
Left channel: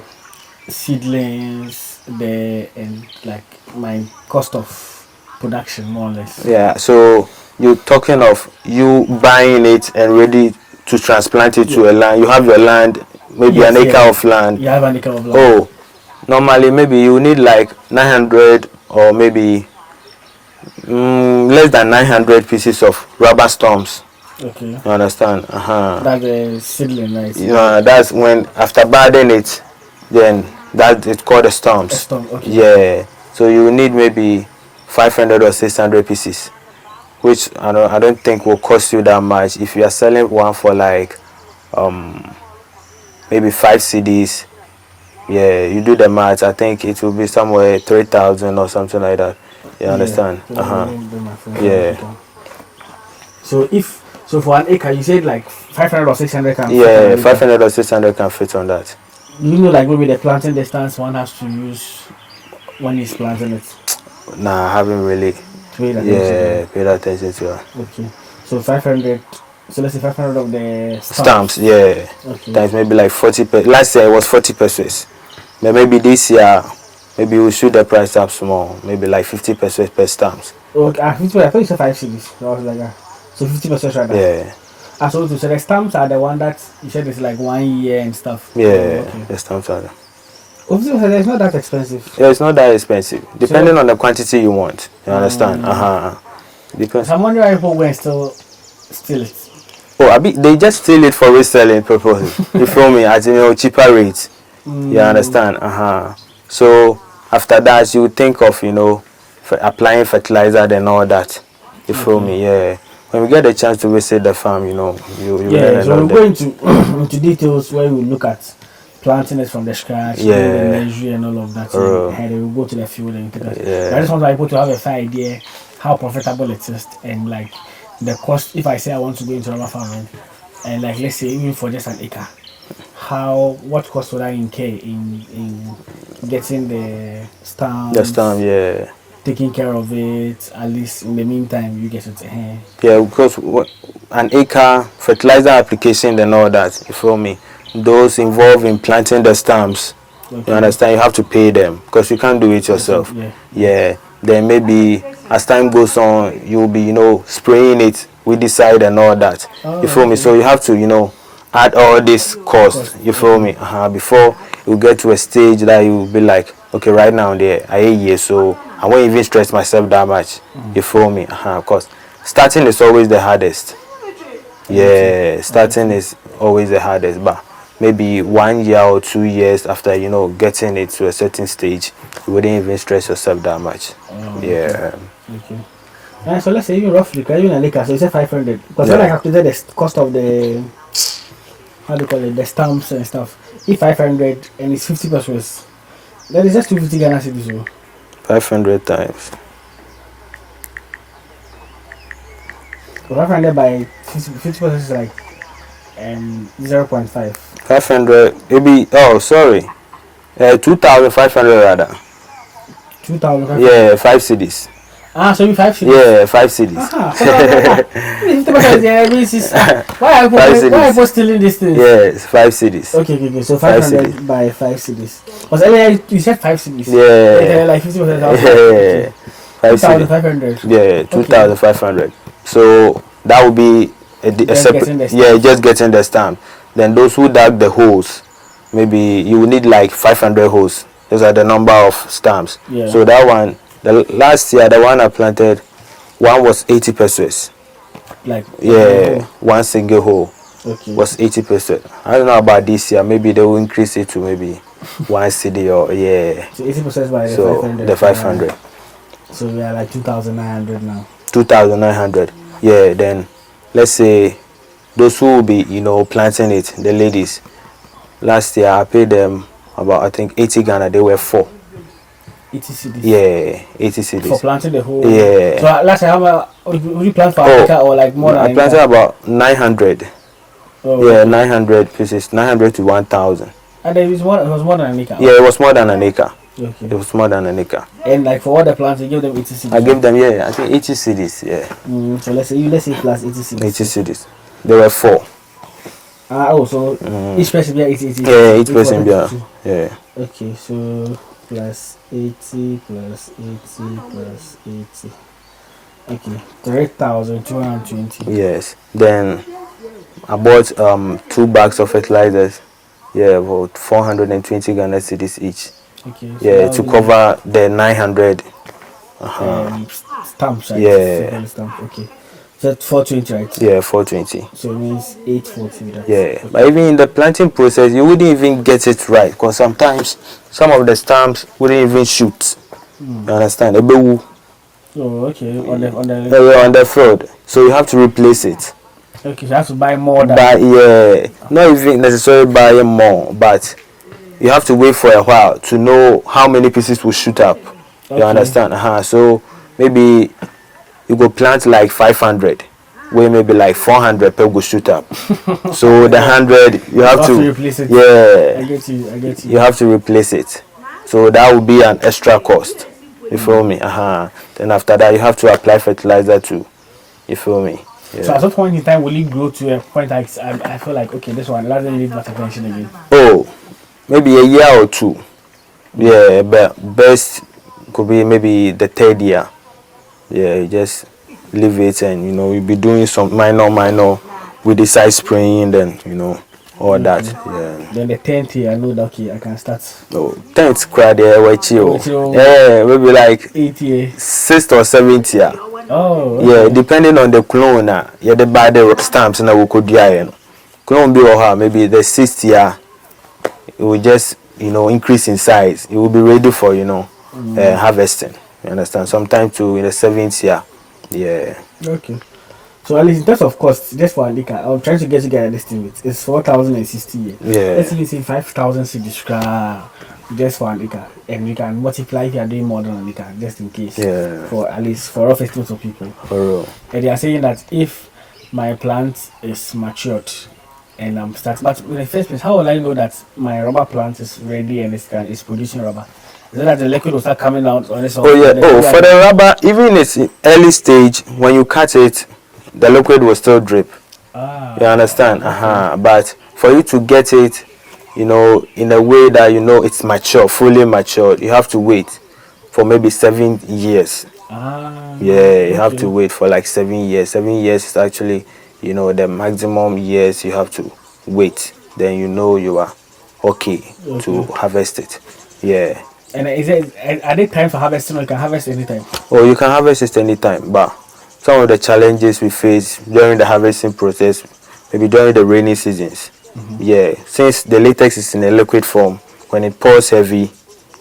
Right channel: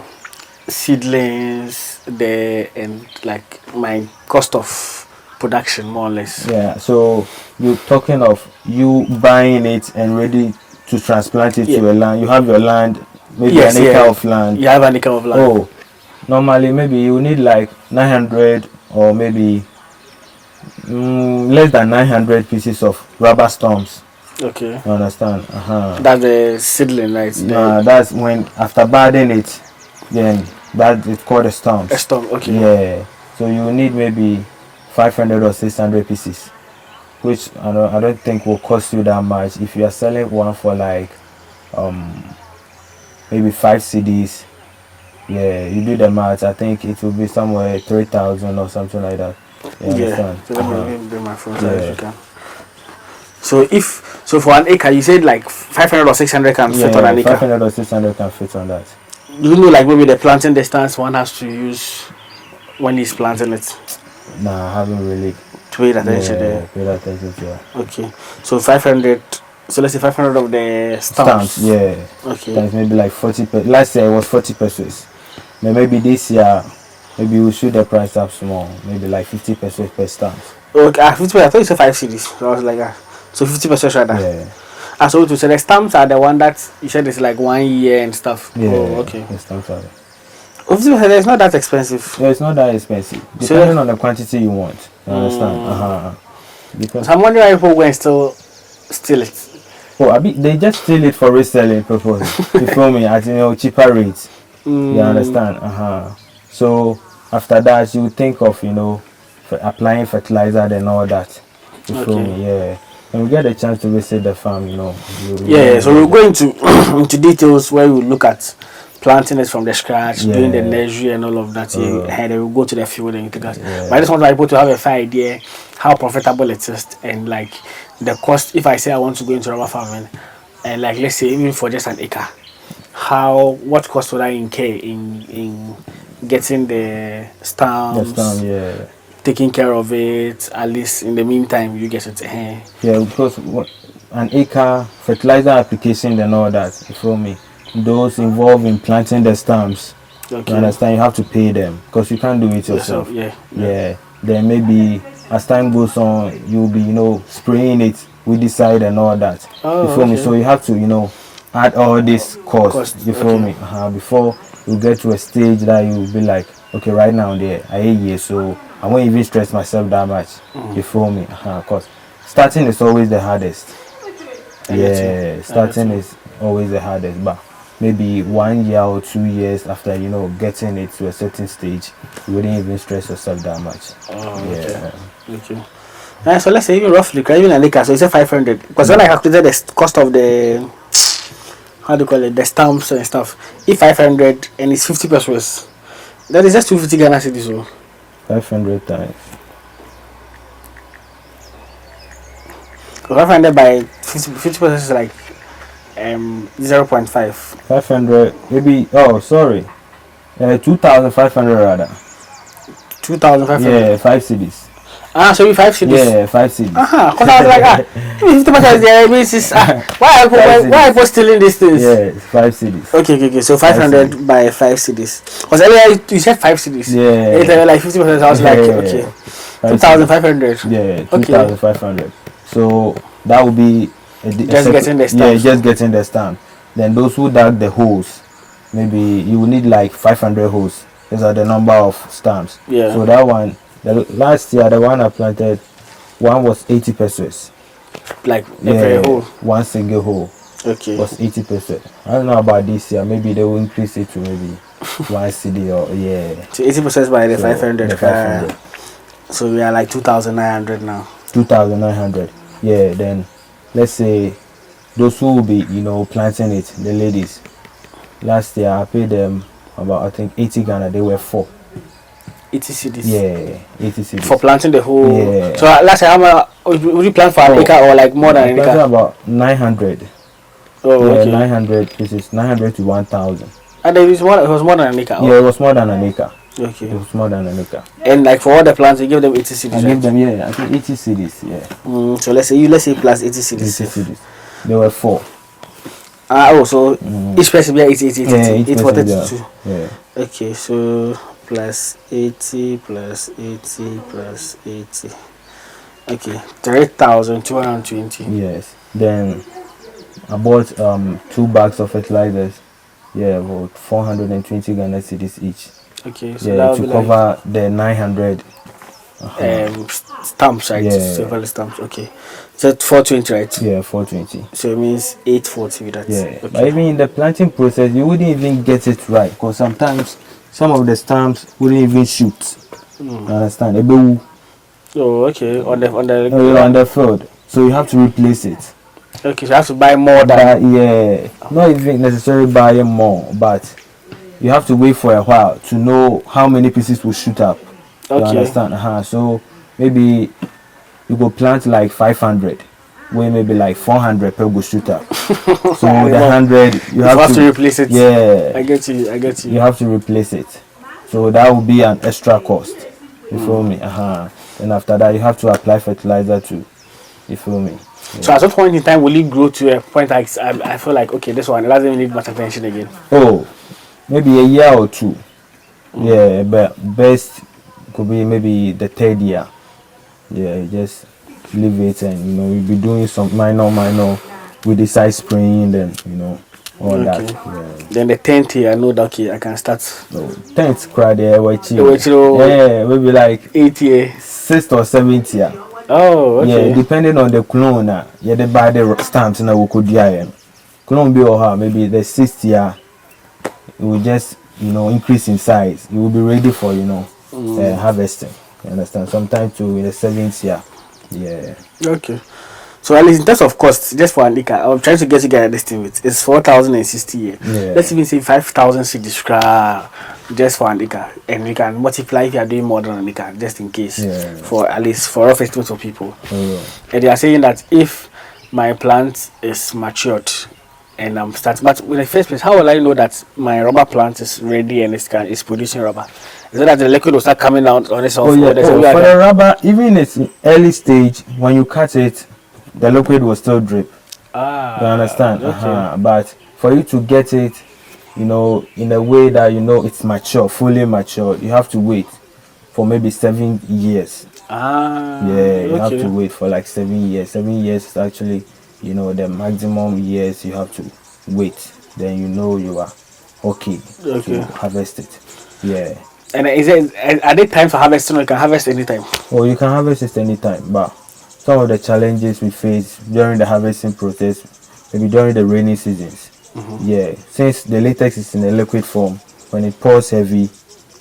seedlings, and like my cost of production, more or less? Yeah, so you're talking of you buying it and ready to transplant it to a land. You have your land, maybe an acre of land. You have an acre of land. Oh, normally maybe you need like 900 or maybe less than 900 pieces of rubber stumps. Okay. You understand? That's the seedling, right? That's when after budding it, then that it's called a stump. A stump, okay. Yeah. So you need maybe 500 or 600 pieces, which I don't think will cost you that much. If you are selling one for like maybe 5 CDs, yeah, you do the math. I think it will be somewhere 3,000 or something like that. You understand? Yeah. So for an acre, you said like 500 or 600 can fit on an acre. 500 or 600 can fit on that. Do you know like maybe the planting distance one has to use when he's planting it? Nah, I haven't really paid attention to it. Okay, so 500. So let's say 500 of the stamps. Yeah. Okay. That's maybe like 40. Last year it was 40 pesos. But maybe this year, maybe we shoot the price up small. Maybe like 50 pesos per stamps. Okay, 50 pesos. I thought you said 5 CDs. So I was like, so 50 pesos right there. Yeah. And so the stamps are the one that you said is like 1 year and stuff. Yeah. Okay. The stamps are there. 50 pesos, it's not that expensive. Yeah, it's not that expensive. Depending on the quantity you want. You understand? Because I'm wondering why people went still steal it. Oh, they just steal it for reselling purposes. You feel me? At cheaper rates. You understand? So after that, you think of applying fertilizer and all that. You feel me? Yeah. When we get a chance to visit the farm, so we're going into details where we look at planting it from the scratch, doing the nursery and all of that, and then we'll go to the field and take us. But I just want people to have a fair idea how profitable it is and like the cost. If I say I want to go into rubber farming, and like let's say even for just an acre, what cost would I incur in getting the stamps? The stamp, taking care of it, at least in the meantime you get it. Yeah, because an acre fertilizer application and all that, you feel me? Those involved in planting the stamps, you understand, you have to pay them because you can't do it yourself. Yeah. Then maybe as time goes on, you'll be spraying it with the side and all that. You feel me? So you have to add all this cost. You feel me? Before you get to a stage that you'll be like, okay, right now so I won't even stress myself that much. You feel me? Of course, starting is always the hardest. Yeah, starting is always the hardest, but maybe 1 year or 2 years after getting it to a certain stage, you wouldn't even stress yourself that much. Okay. So let's say even roughly, even an acre, so you say 500. Because when I calculated the cost of the the stamps and stuff, if 500 and it's 50 pesos, that is just 250 Ghana cedis. So 500 times. 500 by 50 pesos is like 0.5. 500 maybe. Oh, sorry. 2,500 rather. 2,500. Yeah, 5 CDs. So you 5 CDs. Yeah, 5 CDs. Why are people stealing these things? Yes, 5 CDs. Okay. So 500 by 5 CDs. Because earlier you said 5 CDs. Yeah. Like 50%. I was like, okay. 2,500. Yeah, 2,500. So that would be just getting the stamp. Then those who dug the holes, maybe you will need like 500 holes. Those are the number of stamps. Yeah. So that one, the last year, the one I planted, one was 80 pesos. Like one single hole. Okay. Was 80 pesos. I don't know about this year. Maybe they will increase it to maybe 1 CD or So 80 pesos by the 500. The 500. So we are like 2,900 now. 2,900. Yeah. Then let's say those who will be planting it, the ladies. Last year I paid them about I think 80 Ghana. They were 4. 80 CDs. Yeah, 80 CDs. For planting the whole. Yeah. So last year how much would you plant for Africa or like more than? I planted about 900. Oh, yeah, 900 pieces, 900 to 1,000. And it was more than an acre. Yeah, it was more than an acre. Okay. It was more than an acre. And like for all the plants, you give them 80 CDs. I give them I think 80 CDs. Yeah. So let's say plus 80 CDs. 80 CDs. There were 4. So each person be 80. Yeah, each person be. Yeah. Okay, so plus 80 plus 80 plus 80. Okay, 3,220. Yes. Then I bought 2 bags of fertilizers. Yeah, about 420 Ghana cedis each. Okay. So yeah, to cover the 900 stamps, right? Yeah. Stamps. Okay. So 420, right? Yeah, 420. So it means 840 with that. Yeah. Okay. But even in the planting process, you wouldn't even get it right because sometimes some of the stamps wouldn't even shoot. You understand? Oh, okay. On the On the fraud. So you have to replace it. Okay, so you have to buy more than. But yeah, not even necessarily buying more, but you have to wait for a while to know how many pieces will shoot up. You Okay. understand? So maybe you go plant like 500, where maybe like 400 per go shoot up. So the 100 you have to replace it. Yeah, I get you. you have to replace it. So that will be an extra cost. You feel me? Then after that you have to apply fertilizer too. You feel me? Yeah. So at what point in time will it grow to a point like I feel like okay, this one doesn't need much attention again? Oh, maybe a year or two. Yeah, but best could be maybe the third year. Yeah, you just leave it, and you'll be doing some minor with the side spraying, then all that. Yeah. Then the 10th year, I know that okay, I can start. No, 10th crowd there, Chill. yeah, maybe like 8th year, 6th or 7th year. Oh, okay. Yeah, depending on the clone, yeah, they buy the stamps and we could do clone be or maybe the 6th year, it will just increase in size. It will be ready for harvesting. You understand? Sometime to in the 7th year. Yeah. Okay. So at least in terms of cost, just for a liquor, I'm trying to get you guys this thing with it's 4,060 year. Yeah. Let's even say 5,000 cedis just for a liquor, and we can multiply if you are doing more than a liquor, just in case. Yeah. For at least for rough estimates of people. Oh. And they are saying that if my plant is matured and I'm starting, but in the first place, how will I know that my rubber plant is ready and it's producing rubber? Is it that the liquid will start coming out on its own? Oh yeah. For the rubber, even in its early stage, when you cut it, the liquid will still drip. You understand? Okay. But for you to get it, in a way that it's mature, fully matured, you have to wait for maybe 7 years. Yeah, you have to wait for like 7 years. 7 years is actually, the maximum years you have to wait. Then you are okay to harvest it. Yeah. And are there times for harvesting, or you can harvest anytime? Oh, you can harvest it anytime, but some of the challenges we face during the harvesting process, maybe during the rainy seasons. Yeah, since the latex is in a liquid form, when it pours heavy,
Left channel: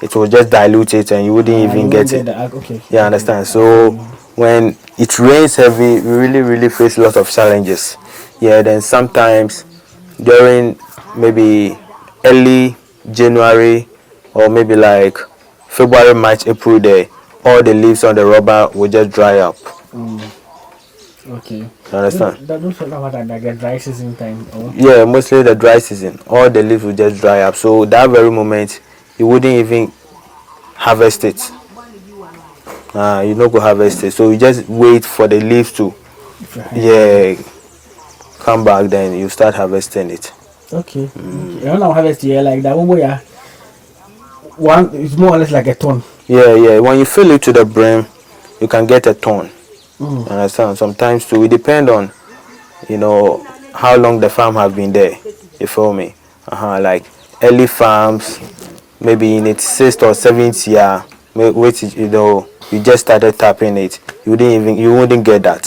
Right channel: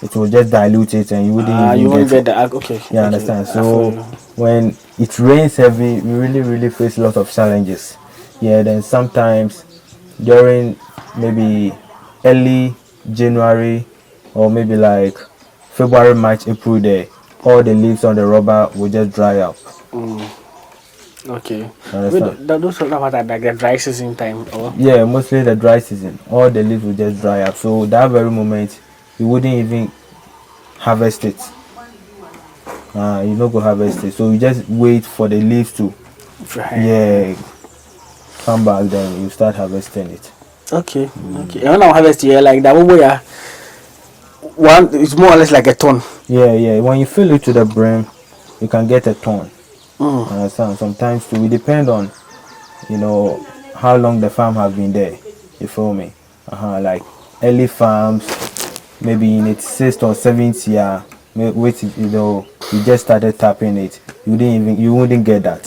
it will just dilute it and you wouldn't even get it. Okay. Yeah, understand. So when it rains heavy, we really face a lot of challenges. Yeah, then sometimes during maybe early January or maybe like February, March, April, there, all the leaves on the rubber will just dry up. Okay. You understand? Those are like the dry season time. Yeah, mostly the dry season. All the leaves will just dry up. So that very moment, you wouldn't even harvest it. You not go harvest it. So you just wait for the leaves to come back. Then you start harvesting it. Okay. Okay. When I harvest here, like that way, one it's more or less like a ton. Yeah. When you fill it to the brim, you can get a ton. Understand? Sometimes too, it depend on how long the farm have been there. You feel me? Like early farms, maybe in its 6th or 7th year, which you just started tapping it, you wouldn't get that.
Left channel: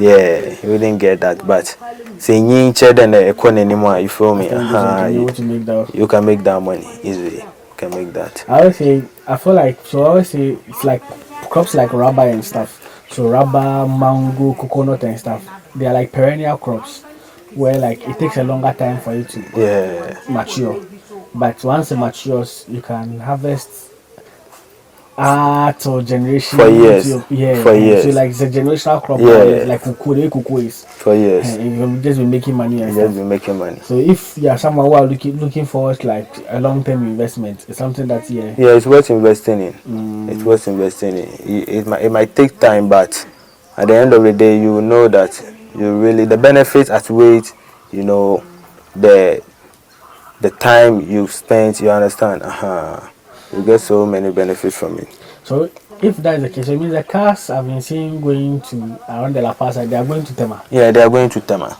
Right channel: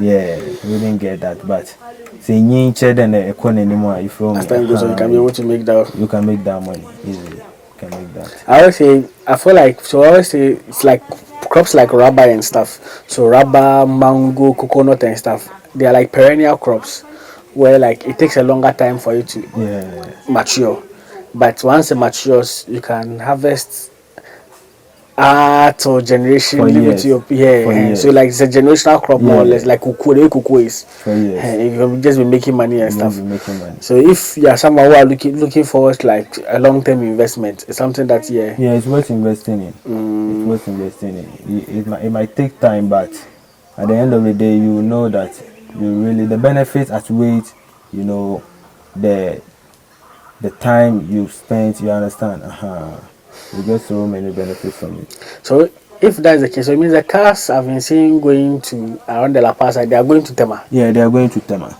Yeah, you wouldn't get that. But say you than the economy anymore. You feel me? You can make that money easily. You can make that. I feel like I always say it's like crops like rubber and stuff. So rubber, mango, coconut and stuff. They are like perennial crops where like it takes a longer time for you to mature. But once it matures, you can harvest or generation for years. For years. So like it's a generational crop now. It's like cocoa is for years. And you'll just be making money and stuff. Be making money. So if you are someone who are looking forward to like a long-term investment, it's something that it's worth investing in. It's worth investing in. It might take time, but at the end of the day, you will know that the benefits outweigh the time you spent. You understand? You get so many benefits from it. So if that's the case, so it means the cars I've been seeing going to around the La Paz, they are going to Tema. Yeah, they are going to Tema.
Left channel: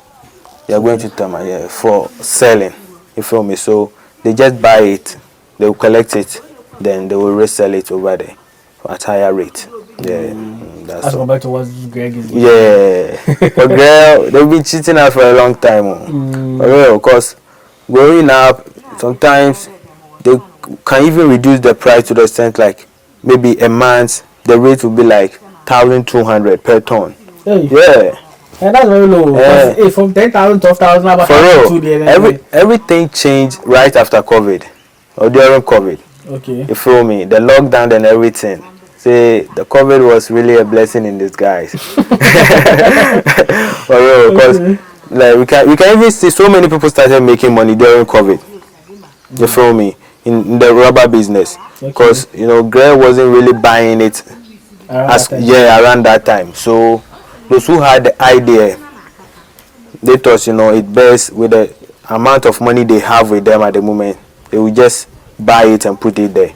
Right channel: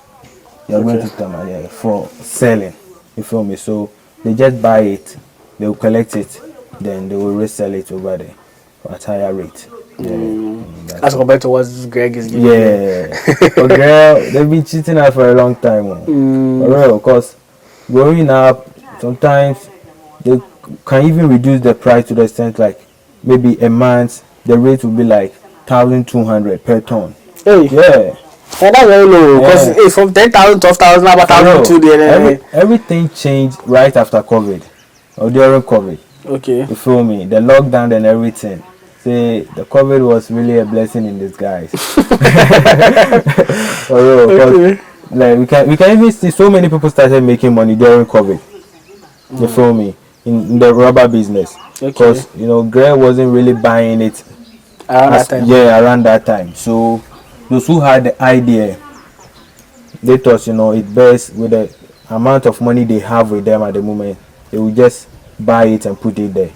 They are going to Tema, for selling. You feel me? So they just buy it, they will collect it, then they will resell it over there at higher rate. As compared to what Greg is getting. But girl, they've been cheating us for a long time. Of course, growing up, sometimes they can even reduce the price to the extent like maybe a month the rate will be like 1,200 per ton. Hey. Yeah. And that's very low. Because it's from 10,000, 12,000, about 1,200. Everything changed right after COVID or during COVID. Okay. You feel me? The lockdown and everything. See, the COVID was really a blessing in disguise. For real, because like we can even see so many people started making money during COVID. You feel me? In the rubber business, because you know, Gray wasn't really buying it around that time. So those who had the idea, they thought, you know, it best with the amount of money they have with them at the moment, they will just buy it and put it there.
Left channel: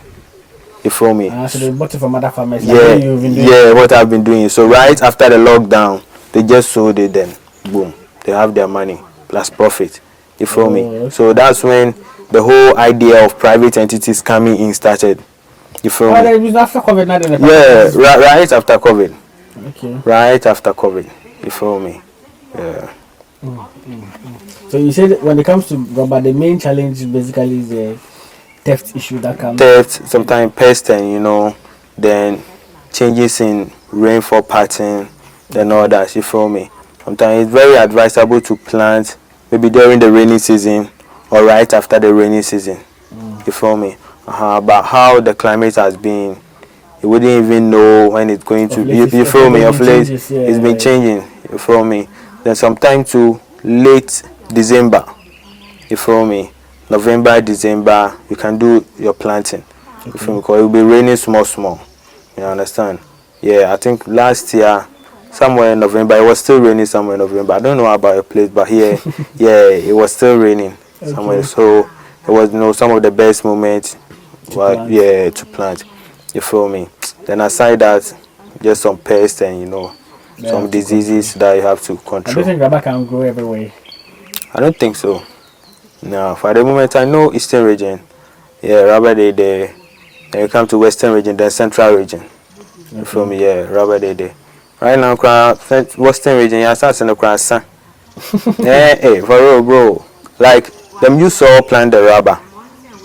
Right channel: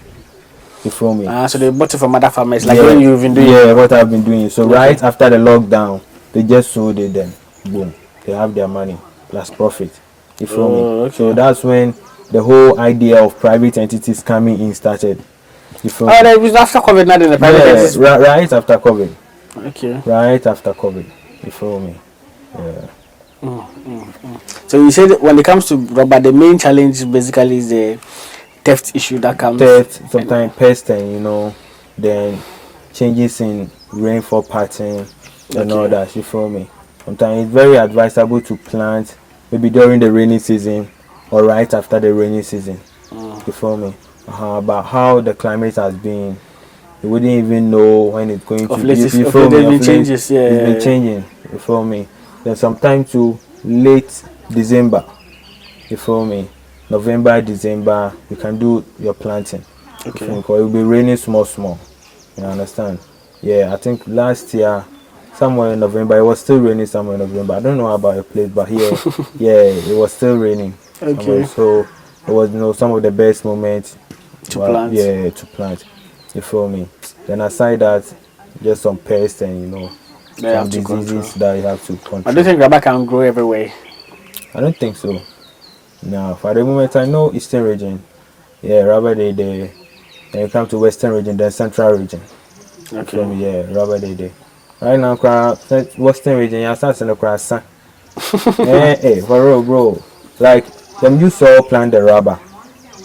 You feel me? So they bought it from other farmers, like what you've been doing. Yeah, what I've been doing. So right after the lockdown, they just sold it. Then boom, they have their money plus profit. You feel me? Okay. So that's when the whole idea of private entities coming in started. You feel me? It was after COVID, not in the private entities. Right after COVID. Okay. Right after COVID. You feel me? Yeah. So you said when it comes to rubber, the main challenge basically is the theft issue that comes. Theft, sometimes pest, and you know, then changes in rainfall pattern and all that. You feel me? Sometimes it's very advisable to plant maybe during the rainy season or right after the rainy season. You feel me? About how the climate has been, you wouldn't even know when it's going to be. You feel me? Of late, it's been changing. You feel me? Then sometime to late December. You feel me? November, December, you can do your planting. You feel me? Because it will be raining small. You understand? Yeah, I think last year, somewhere in November, it was still raining somewhere in November. I don't know about your place, but here, yeah, it was still raining somewhere. So it was, you know, some of the best moments to plant. You feel me? Then aside that, just some pests and, you know, some diseases that you have to control. I don't think rubber can grow everywhere. I don't think so. No, for the moment I know Eastern region. Yeah, rubber day there. Then you come to Western region, then Central region. Okay. You feel me? Yeah, rubber day there. Right now, Western region, you start in the cross. Hey, for real, bro. Like them you saw plant the rubber.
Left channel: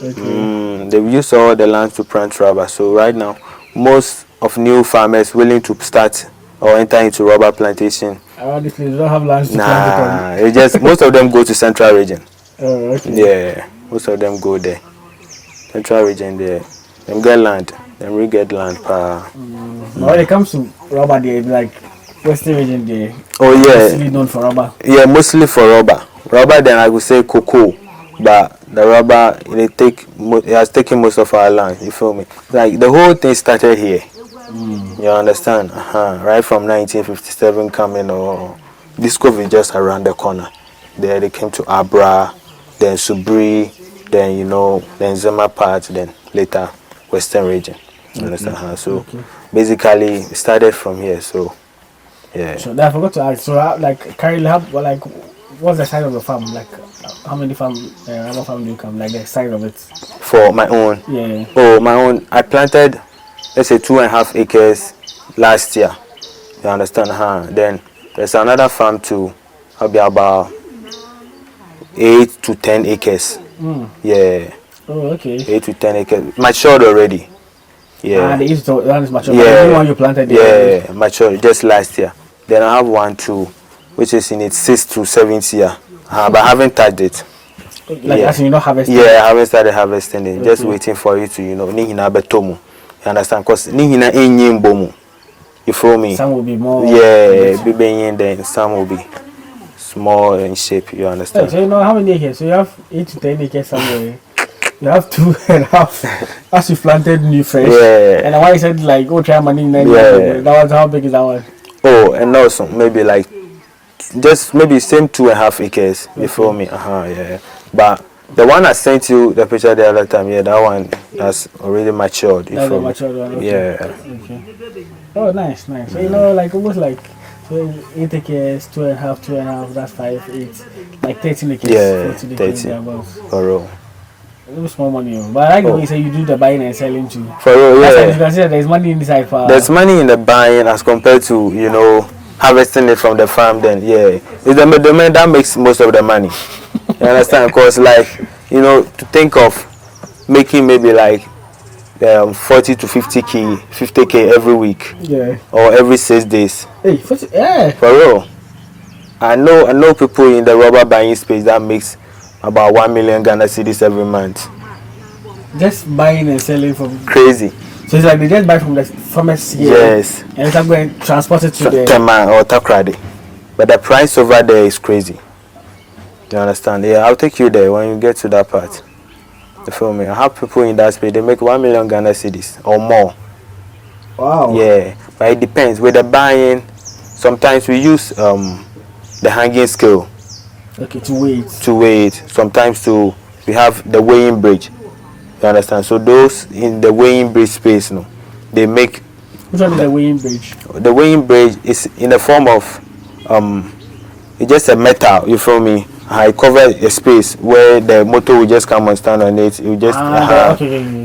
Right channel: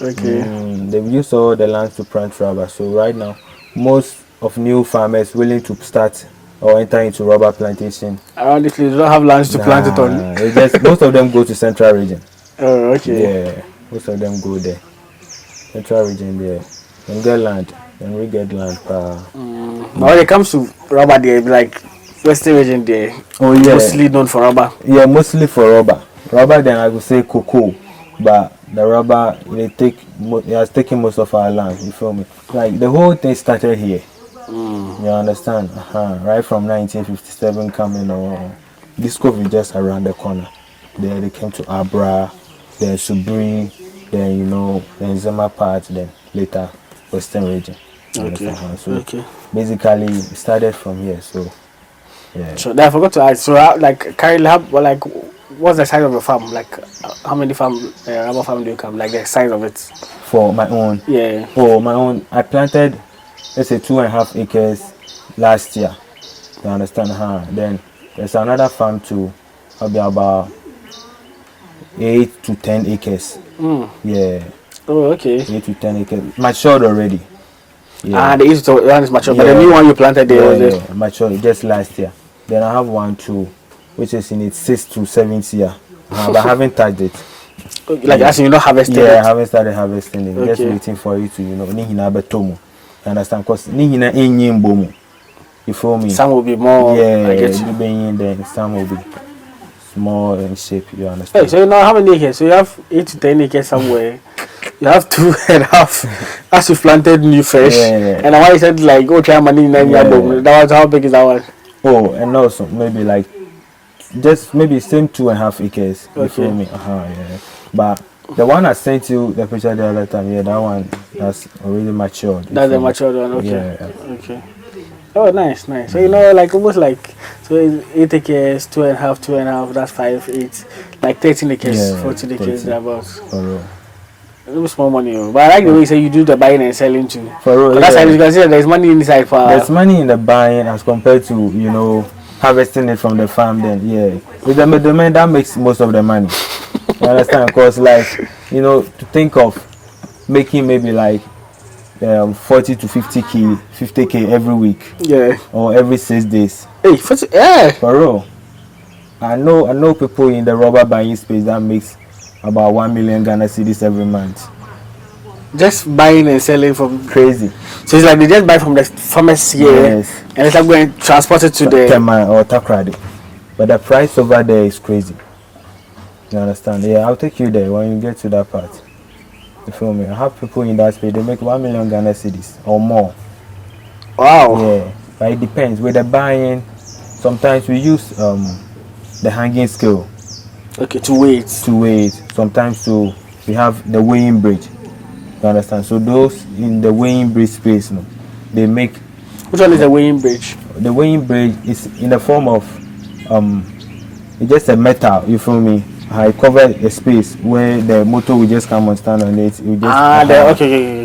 Okay. They use all the land to plant rubber. So right now, most of new farmers willing to start or enter into rubber plantation. Honestly, they don't have lands to plant it on. It's just most of them go to Central region. Oh, okay. Yeah, most of them go there. Central region there. Them get land. Then we get land. When it comes to rubber, they like Western region there. Oh yeah. Mostly known for rubber. Yeah, mostly for rubber. Rubber, then I would say cocoa, but the rubber it has taken most of our land. You feel me? Like the whole thing started here. You understand? Right from 1957 coming, or this COVID just around the corner. There they came to Abra, then Subri, then you know, then Zema part, then later Western region. You understand? So basically it started from here. So yeah. So I forgot to ask. So like currently, what's the size of the farm? Like how many rubber farm do you come? Like the size of it? For my own? Yeah. Oh, my own. I planted, let's say 2.5 acres last year. You understand? Then there's another farm too. I'll be about 8 to 10 acres. Yeah. Oh, okay. 8 to 10 acres. Matured already. Yeah. And one is matured. Yeah. But the new one you planted there. Yeah, matured just last year. Then I have one too, which is in its 6th to 7th year. But I haven't touched it. Like as you don't harvest it? Yeah, I haven't started harvesting it. Just waiting for you to, you know, nihina betomu. You understand? Because nihina enye bomu. You feel me? Some will be more. Yeah, then some will be small in shape. You understand? Hey, so you know how many acres? So you have 8 to 10 acres somewhere. You have 2.5 as you planted new fresh. Yeah. And why you said like okay, money that was how big is that one? Oh, and also maybe like just maybe same 2.5 acres. You feel me? Yeah. But the one I sent you the picture the other time, yeah, that one that's already matured. That's the matured one. Okay. Yeah. Okay. Oh, nice. So you know, like almost like 8 acres, 2.5. That's 5, 8, like 13 acres, yeah, 14 acres above. For real. A little small money, but I like the way you say you do the buying and selling too. For real, that's how you can see that there's money inside. There's money in the buying as compared to, you know, harvesting it from the farm. Then it's the man that makes most of the money. You understand? Because like, you know, to think of making maybe like 40 to 50k every week. Yeah. Or every 6 days. Hey, yeah. For real. I know people in the rubber buying space that makes about 1 million Ghana cedis every month. Just buying and selling from crazy. So it's like they just buy from the farmers here. Yes. And it's like going to transport it to the Tema or Takrady. But the price over there is crazy. You understand? Yeah, I'll take you there when you get to that part. You feel me? I have people in that space, they make 1 million Ghana cedis or more. Wow. Yeah. But it depends. With the buying, sometimes we use the hanging scale. Okay, to wait. Sometimes we have the weighing bridge. You understand? So those in the weighing bridge space, they make. Which one is the weighing bridge? The weighing bridge is in the form of it's just a metal. You feel me? I cover a space where the motor will just come and stand on it. You just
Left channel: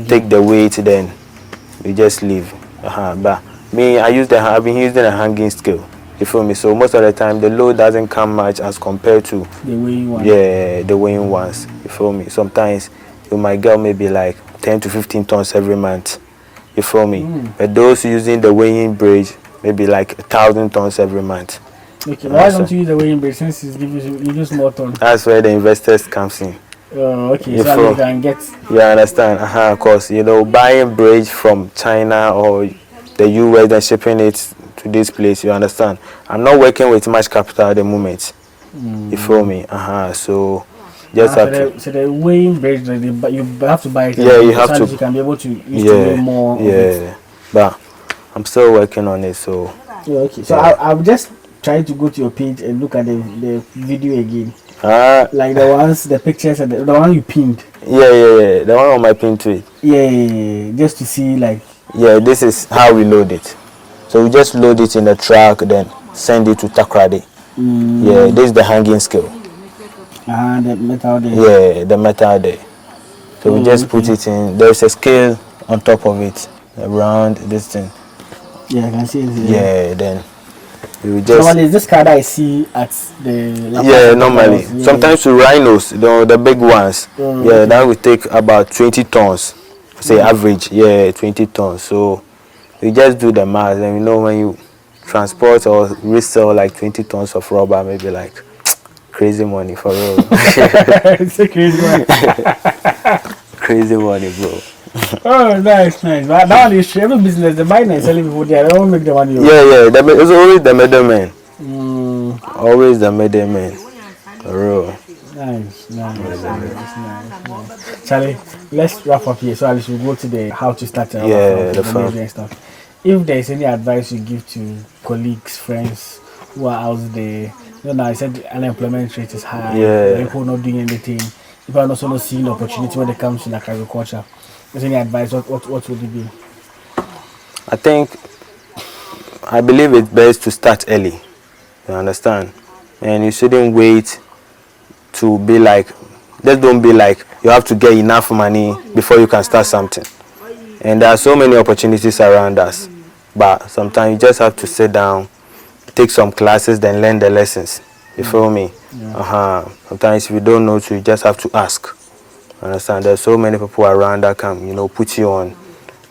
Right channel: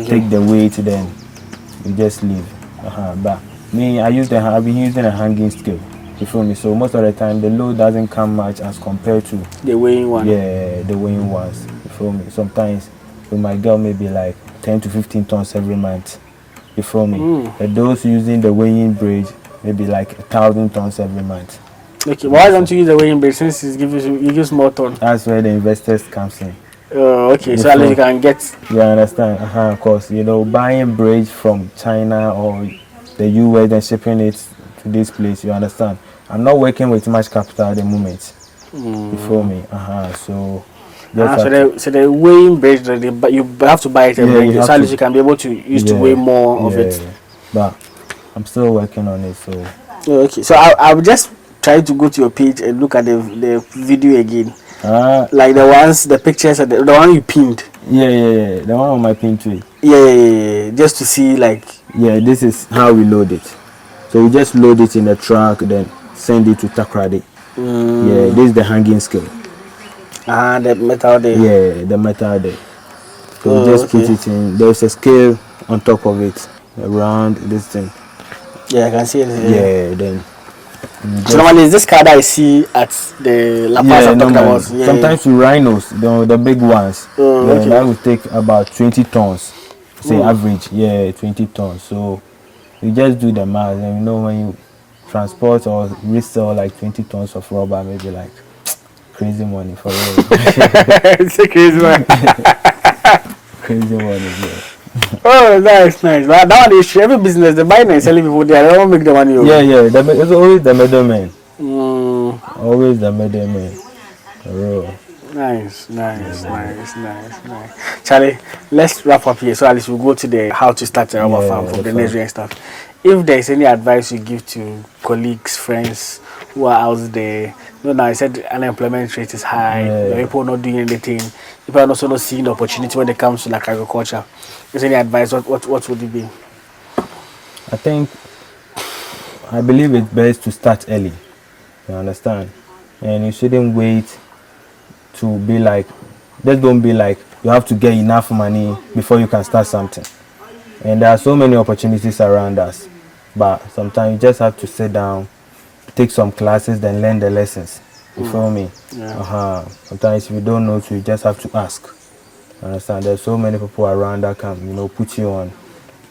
take the weight, then you just leave. But me, I've been using a hanging scale. You feel me? So most of the time the load doesn't come much as compared to the weighing one. Yeah, the weighing ones. You feel me? Sometimes you might get maybe like 10 to 15 tons every month. You feel me? But those using the weighing bridge maybe like 1,000 tons every month. Okay, why don't you use the weighing bridge since it gives you use more tons? That's where the investors comes in. Okay, so at least you can get. You understand? Of course, buying bridge from China or the US and shipping it to this place. You understand? I'm not working with much capital at the moment. You feel me? So just so the weighing bridge, you have to buy it. Yeah, you have to. You can be able to use to weigh more of it. But I'm still working on it. So okay, so I'll just try to go to your page and look at the video again. Like the pictures and the one you pinned. Yeah. The one on my pin tweet. Yeah. Just to see like. Yeah, this is how we load it. So we just load it in the truck, then send it to Takrady. Yeah, this is the hanging scale. The metal there. Yeah, the metal there. So we just put it in. There's a scale on top of it, around this thing. Yeah, I can see it. Yeah, then. So normally is this car that I see at the La Paz? Yeah, normally. Sometimes the rhinos, the big ones. That will take about 20 tons. Say average, 20 tons. So you just do the math, and when you transport or resell like 20 tons of rubber, maybe like crazy money for real. It's a crazy money. Crazy money, bro. Oh, nice. But that one is every business, the buying and selling people, they don't make the money. Yeah. It's always the middleman. Always the middleman. For real. Nice. Charlie, let's wrap up here. So at least we'll go to the how to start a rubber farm for the nursery and stuff. If there is any advice you give to colleagues, friends who are out there, now I said unemployment rate is high, people not doing anything, people are also not seeing opportunity when it comes to like agriculture. Is any advice? What would it be? I believe it's best to start early. You understand? And you shouldn't wait to be like, just don't be like you have to get enough money before you can start something. And there are so many opportunities around us, but sometimes you just have to sit down, take some classes, then learn the lessons. You feel me? Sometimes if you don't know to, you just have to ask. Understand? There's so many people around that can put you on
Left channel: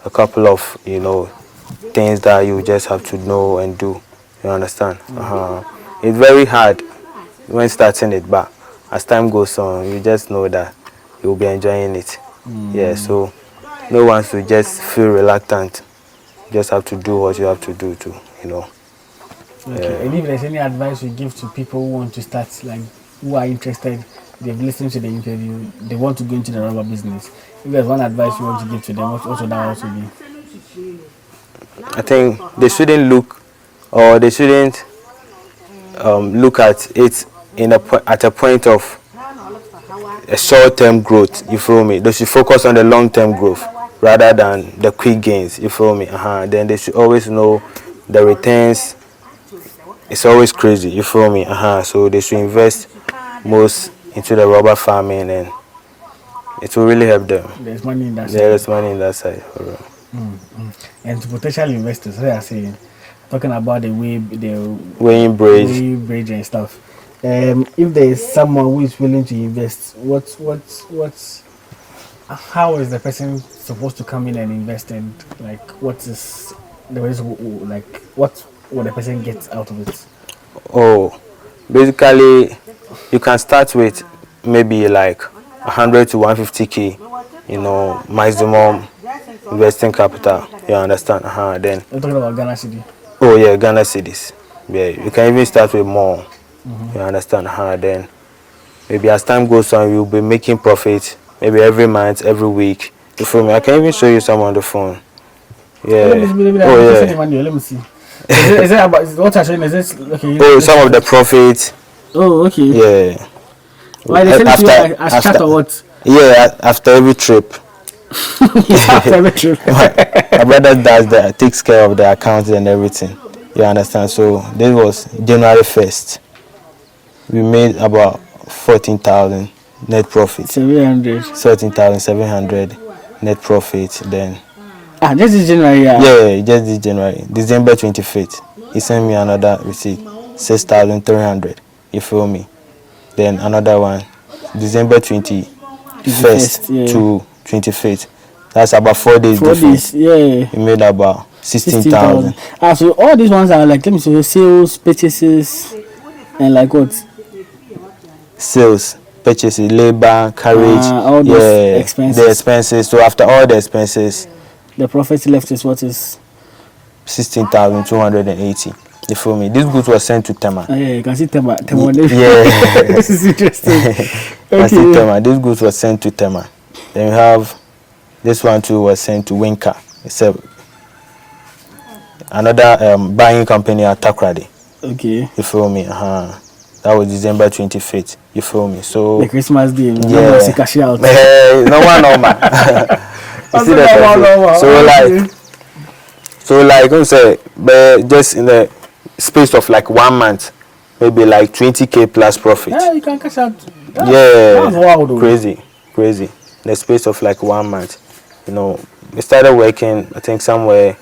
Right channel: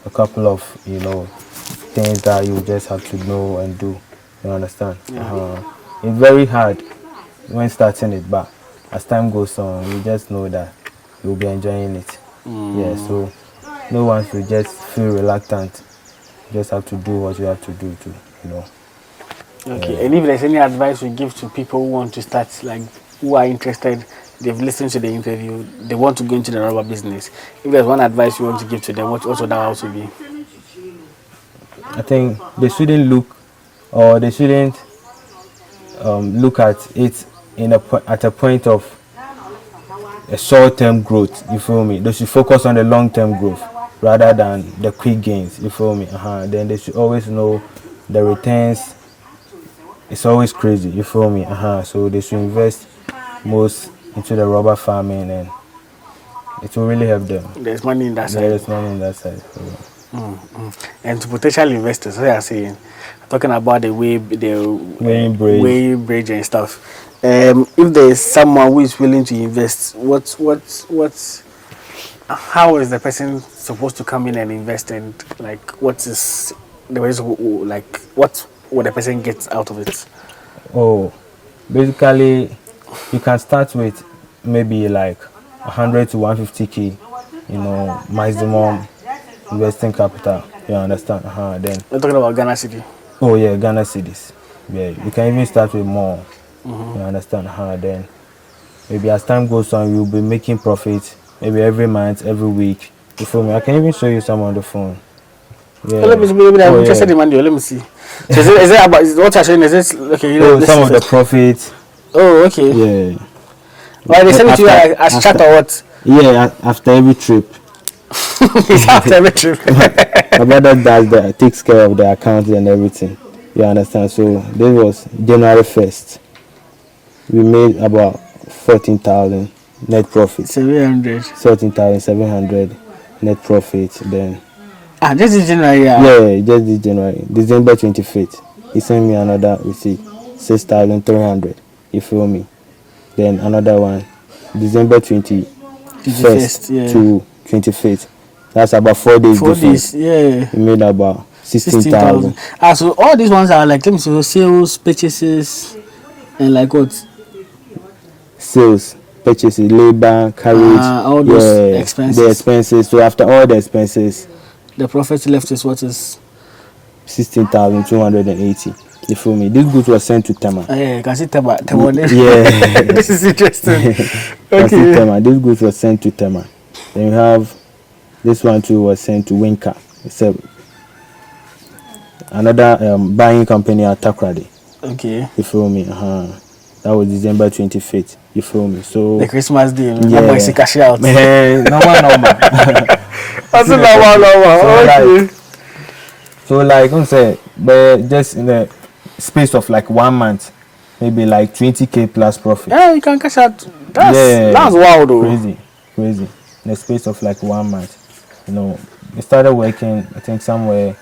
a couple of things that you just have to know and do. You understand? It's very hard when starting it, but as time goes on, you just know that you'll be enjoying it. So no one should just feel reluctant. You just have to do what you have to do to. Okay. And if there's any advice you give to people who want to start, like who are interested, they've listened to the interview, they want to go into the rubber business. If there's one advice you want to give to them, what would that also be? I think they shouldn't look at it at a point of a short-term growth. You feel me? They should focus on the long-term growth rather than the quick gains. You feel me? Then they should always know the returns. It's always crazy. You feel me? So they should invest most into the rubber farming, and it will really help them. There's money in that side. There's money in that side. And to potential investors, they are saying, talking about the weighing bridge and stuff. If there is someone who is willing to invest, how is the person supposed to come in and invest, and like what is the way like what would the person get out of it? Oh, basically, you can start with maybe like 100 to 150k, maximum investing capital. You understand? Then. You're talking about Ghana City. Oh yeah, Ghana cedis. Yeah, you can even start with more. You understand? Then maybe as time goes on, you'll be making profit. Maybe every month, every week. You feel me? I can even show you some on the phone. Yeah. Let me see. Let me see. Is it about what I'm saying? Is this okay? Oh, some of the profits. Oh, okay. Yeah. Why they send it to you as chat or what? Yeah, after every trip. After every trip. My brother does that, takes care of the accounts and everything. You understand? So this was January 1st. We made about 14,000 net profit. 700. 13,700 net profit. Then. Just this January. Yeah, just this January. December 25th. He sent me another receipt, 6,300. You feel me? Then another one, December 21st to 25th. That's about 4 days. 4 days, yeah. He made about 16,000. So all these ones are like, let me see, sales, purchases, and like what? Sales, purchases, labor, carriage, all those expenses. The expenses. So after all the expenses, the profit left is what is 16,280. You feel me? This goods was sent to Tema. Yeah, you can see Tema. Yeah. This is interesting. Okay. See Tema. This goods was sent to Tema. Then we have this one too was sent to Winka. It's another buying company at Takrady. Okay. You feel me? That was December 25th. You feel me? So the Christmas day. Yeah. Cash out. Normal. So like I'm say, but just in the space of like 1 month, maybe like 20k plus profit. Yeah, you can cash out. That's wild though. Crazy. In the space of like 1 month. We started working, I think somewhere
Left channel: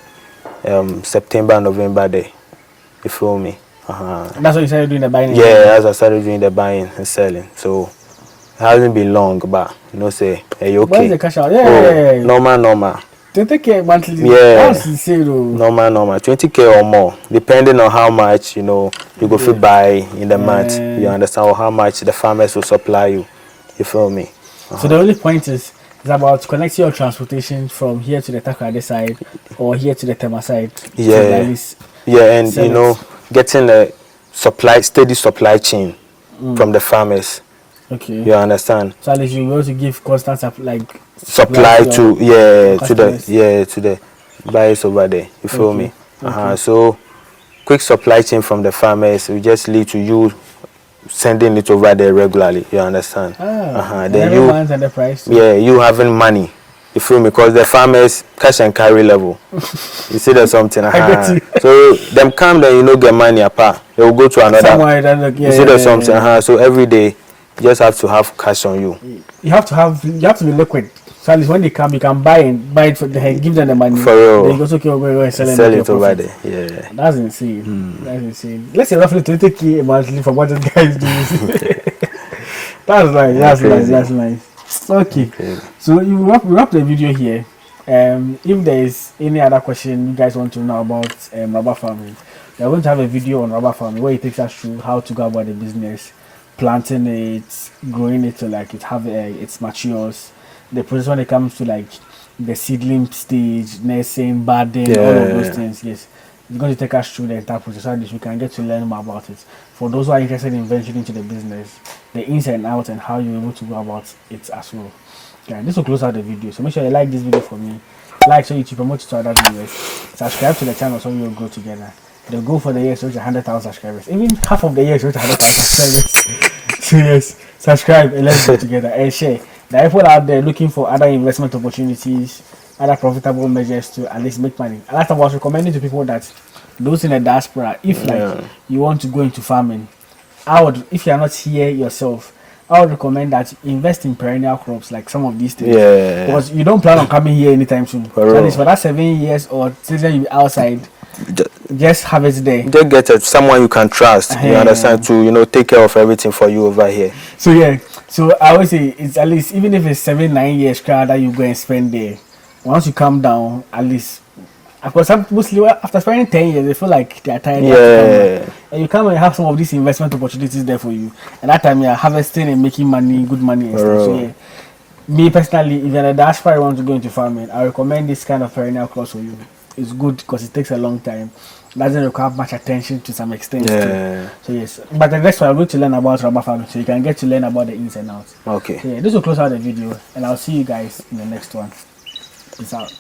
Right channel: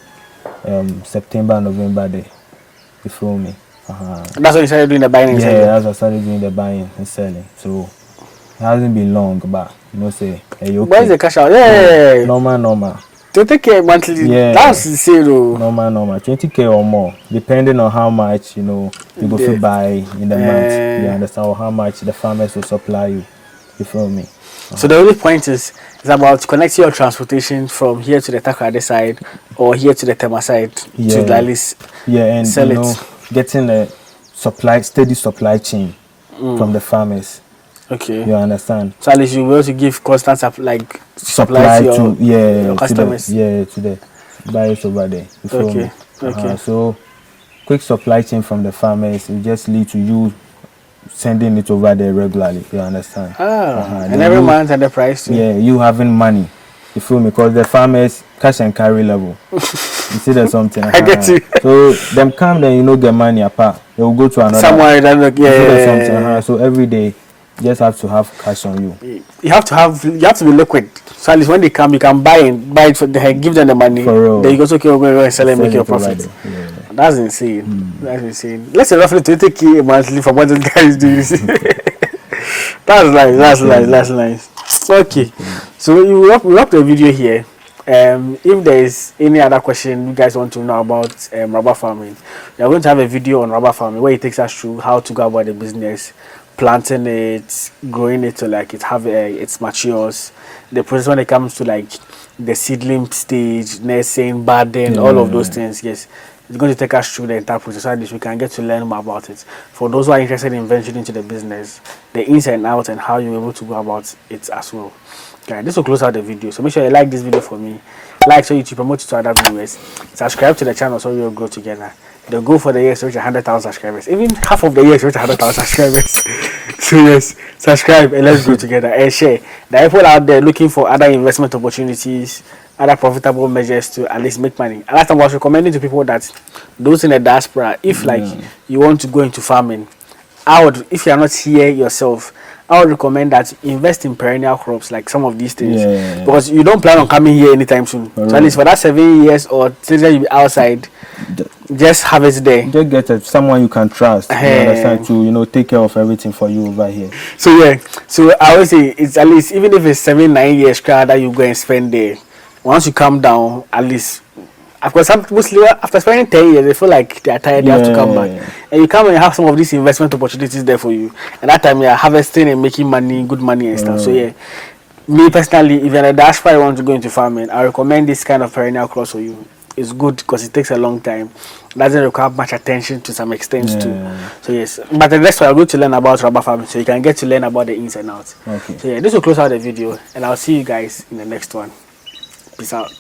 September, November day. You feel me? That's when you started doing the buying and selling? Yeah, that's when I started doing the buying and selling. So it hasn't been long, but say, hey, okay. Where's the cash out? Yeah. Normal. 20k monthly. Yeah. That's insane though. Normal. 20k or more, depending on how much you go to buy in the month. You understand? Or how much the farmers will supply you. You feel me? So the only point is about connecting your transportation from here to the Takrady side or here to the Tema side. Yeah. To at least and getting a steady supply chain from the farmers. Okay. You understand? So at least you will to give constant supply to the buyers over there. You feel me? Okay. So quick supply chain from the farmers will just lead to you sending it over there regularly. You understand? And every month at the price too. Yeah, you having money. You feel me? Because the farmers cash and carry level. You see there's something. I get you. So them come then get money apart. They will go to another. Somewhere that you see there's something. So every day you just have to have cash on you. You have to be liquid. So at least when they come, you can buy it for give them the money. For real. Then you go go and sell it over there. Yeah. That's insane. That's insane. Let's say roughly 20k monthly for what this guy is doing. That's nice. Okay. So we wrap the video here. If there is any other question you guys want to know about rubber farming, we are going to have a video on rubber farming where it takes us through how to go about the business, planting it, growing it to like it matures, the process when it comes to like the seedling stage, nursing, budding, all of those things. Yes, it's going to take us through the entire process so that we can get to learn more about it. For those who are interested in venturing into the business, the ins and outs and how you're able to go about it as well. Okay, this will close out the video. So make sure you like this video for me. Like so YouTube promote it to other viewers. Subscribe to the channel so we'll grow together. The goal for the year is to reach 100,000 subscribers. Even half of the year is to reach 100,000 subscribers. So yes, subscribe and let's go together and share. The people out there looking for other investment opportunities, other profitable measures to at least make money. And last time I was recommending to people that those in the diaspora, if you want to go into farming, if you are not here yourself, I would recommend that invest in perennial crops like some of these things. Because you don't plan on coming here anytime soon. So at least for that 7 years or 6 years you'll be outside, Just have it there. Just get someone you can trust. You understand, to take care of everything for you over here. So yeah, so I always say it's at least, even if it's 7-9 years that you go and spend there, once you come down, at least. Of course, some people after spending 10 years, they feel like they are tired. They have to come back, and you come and have some of these investment opportunities there for you. And that time, you're harvesting and making money, good money and stuff. So yeah, me personally, if you're a diaspora, you want to go into farming, I recommend this kind of perennial cross for you. It's good because it takes a long time. Doesn't require much attention to some extent too. So yes, but the next one I'm going to learn about rubber farming, so you can get to learn about the ins and outs. Okay. So yeah, this will close out the video, and I'll see you guys in the next one. Peace out.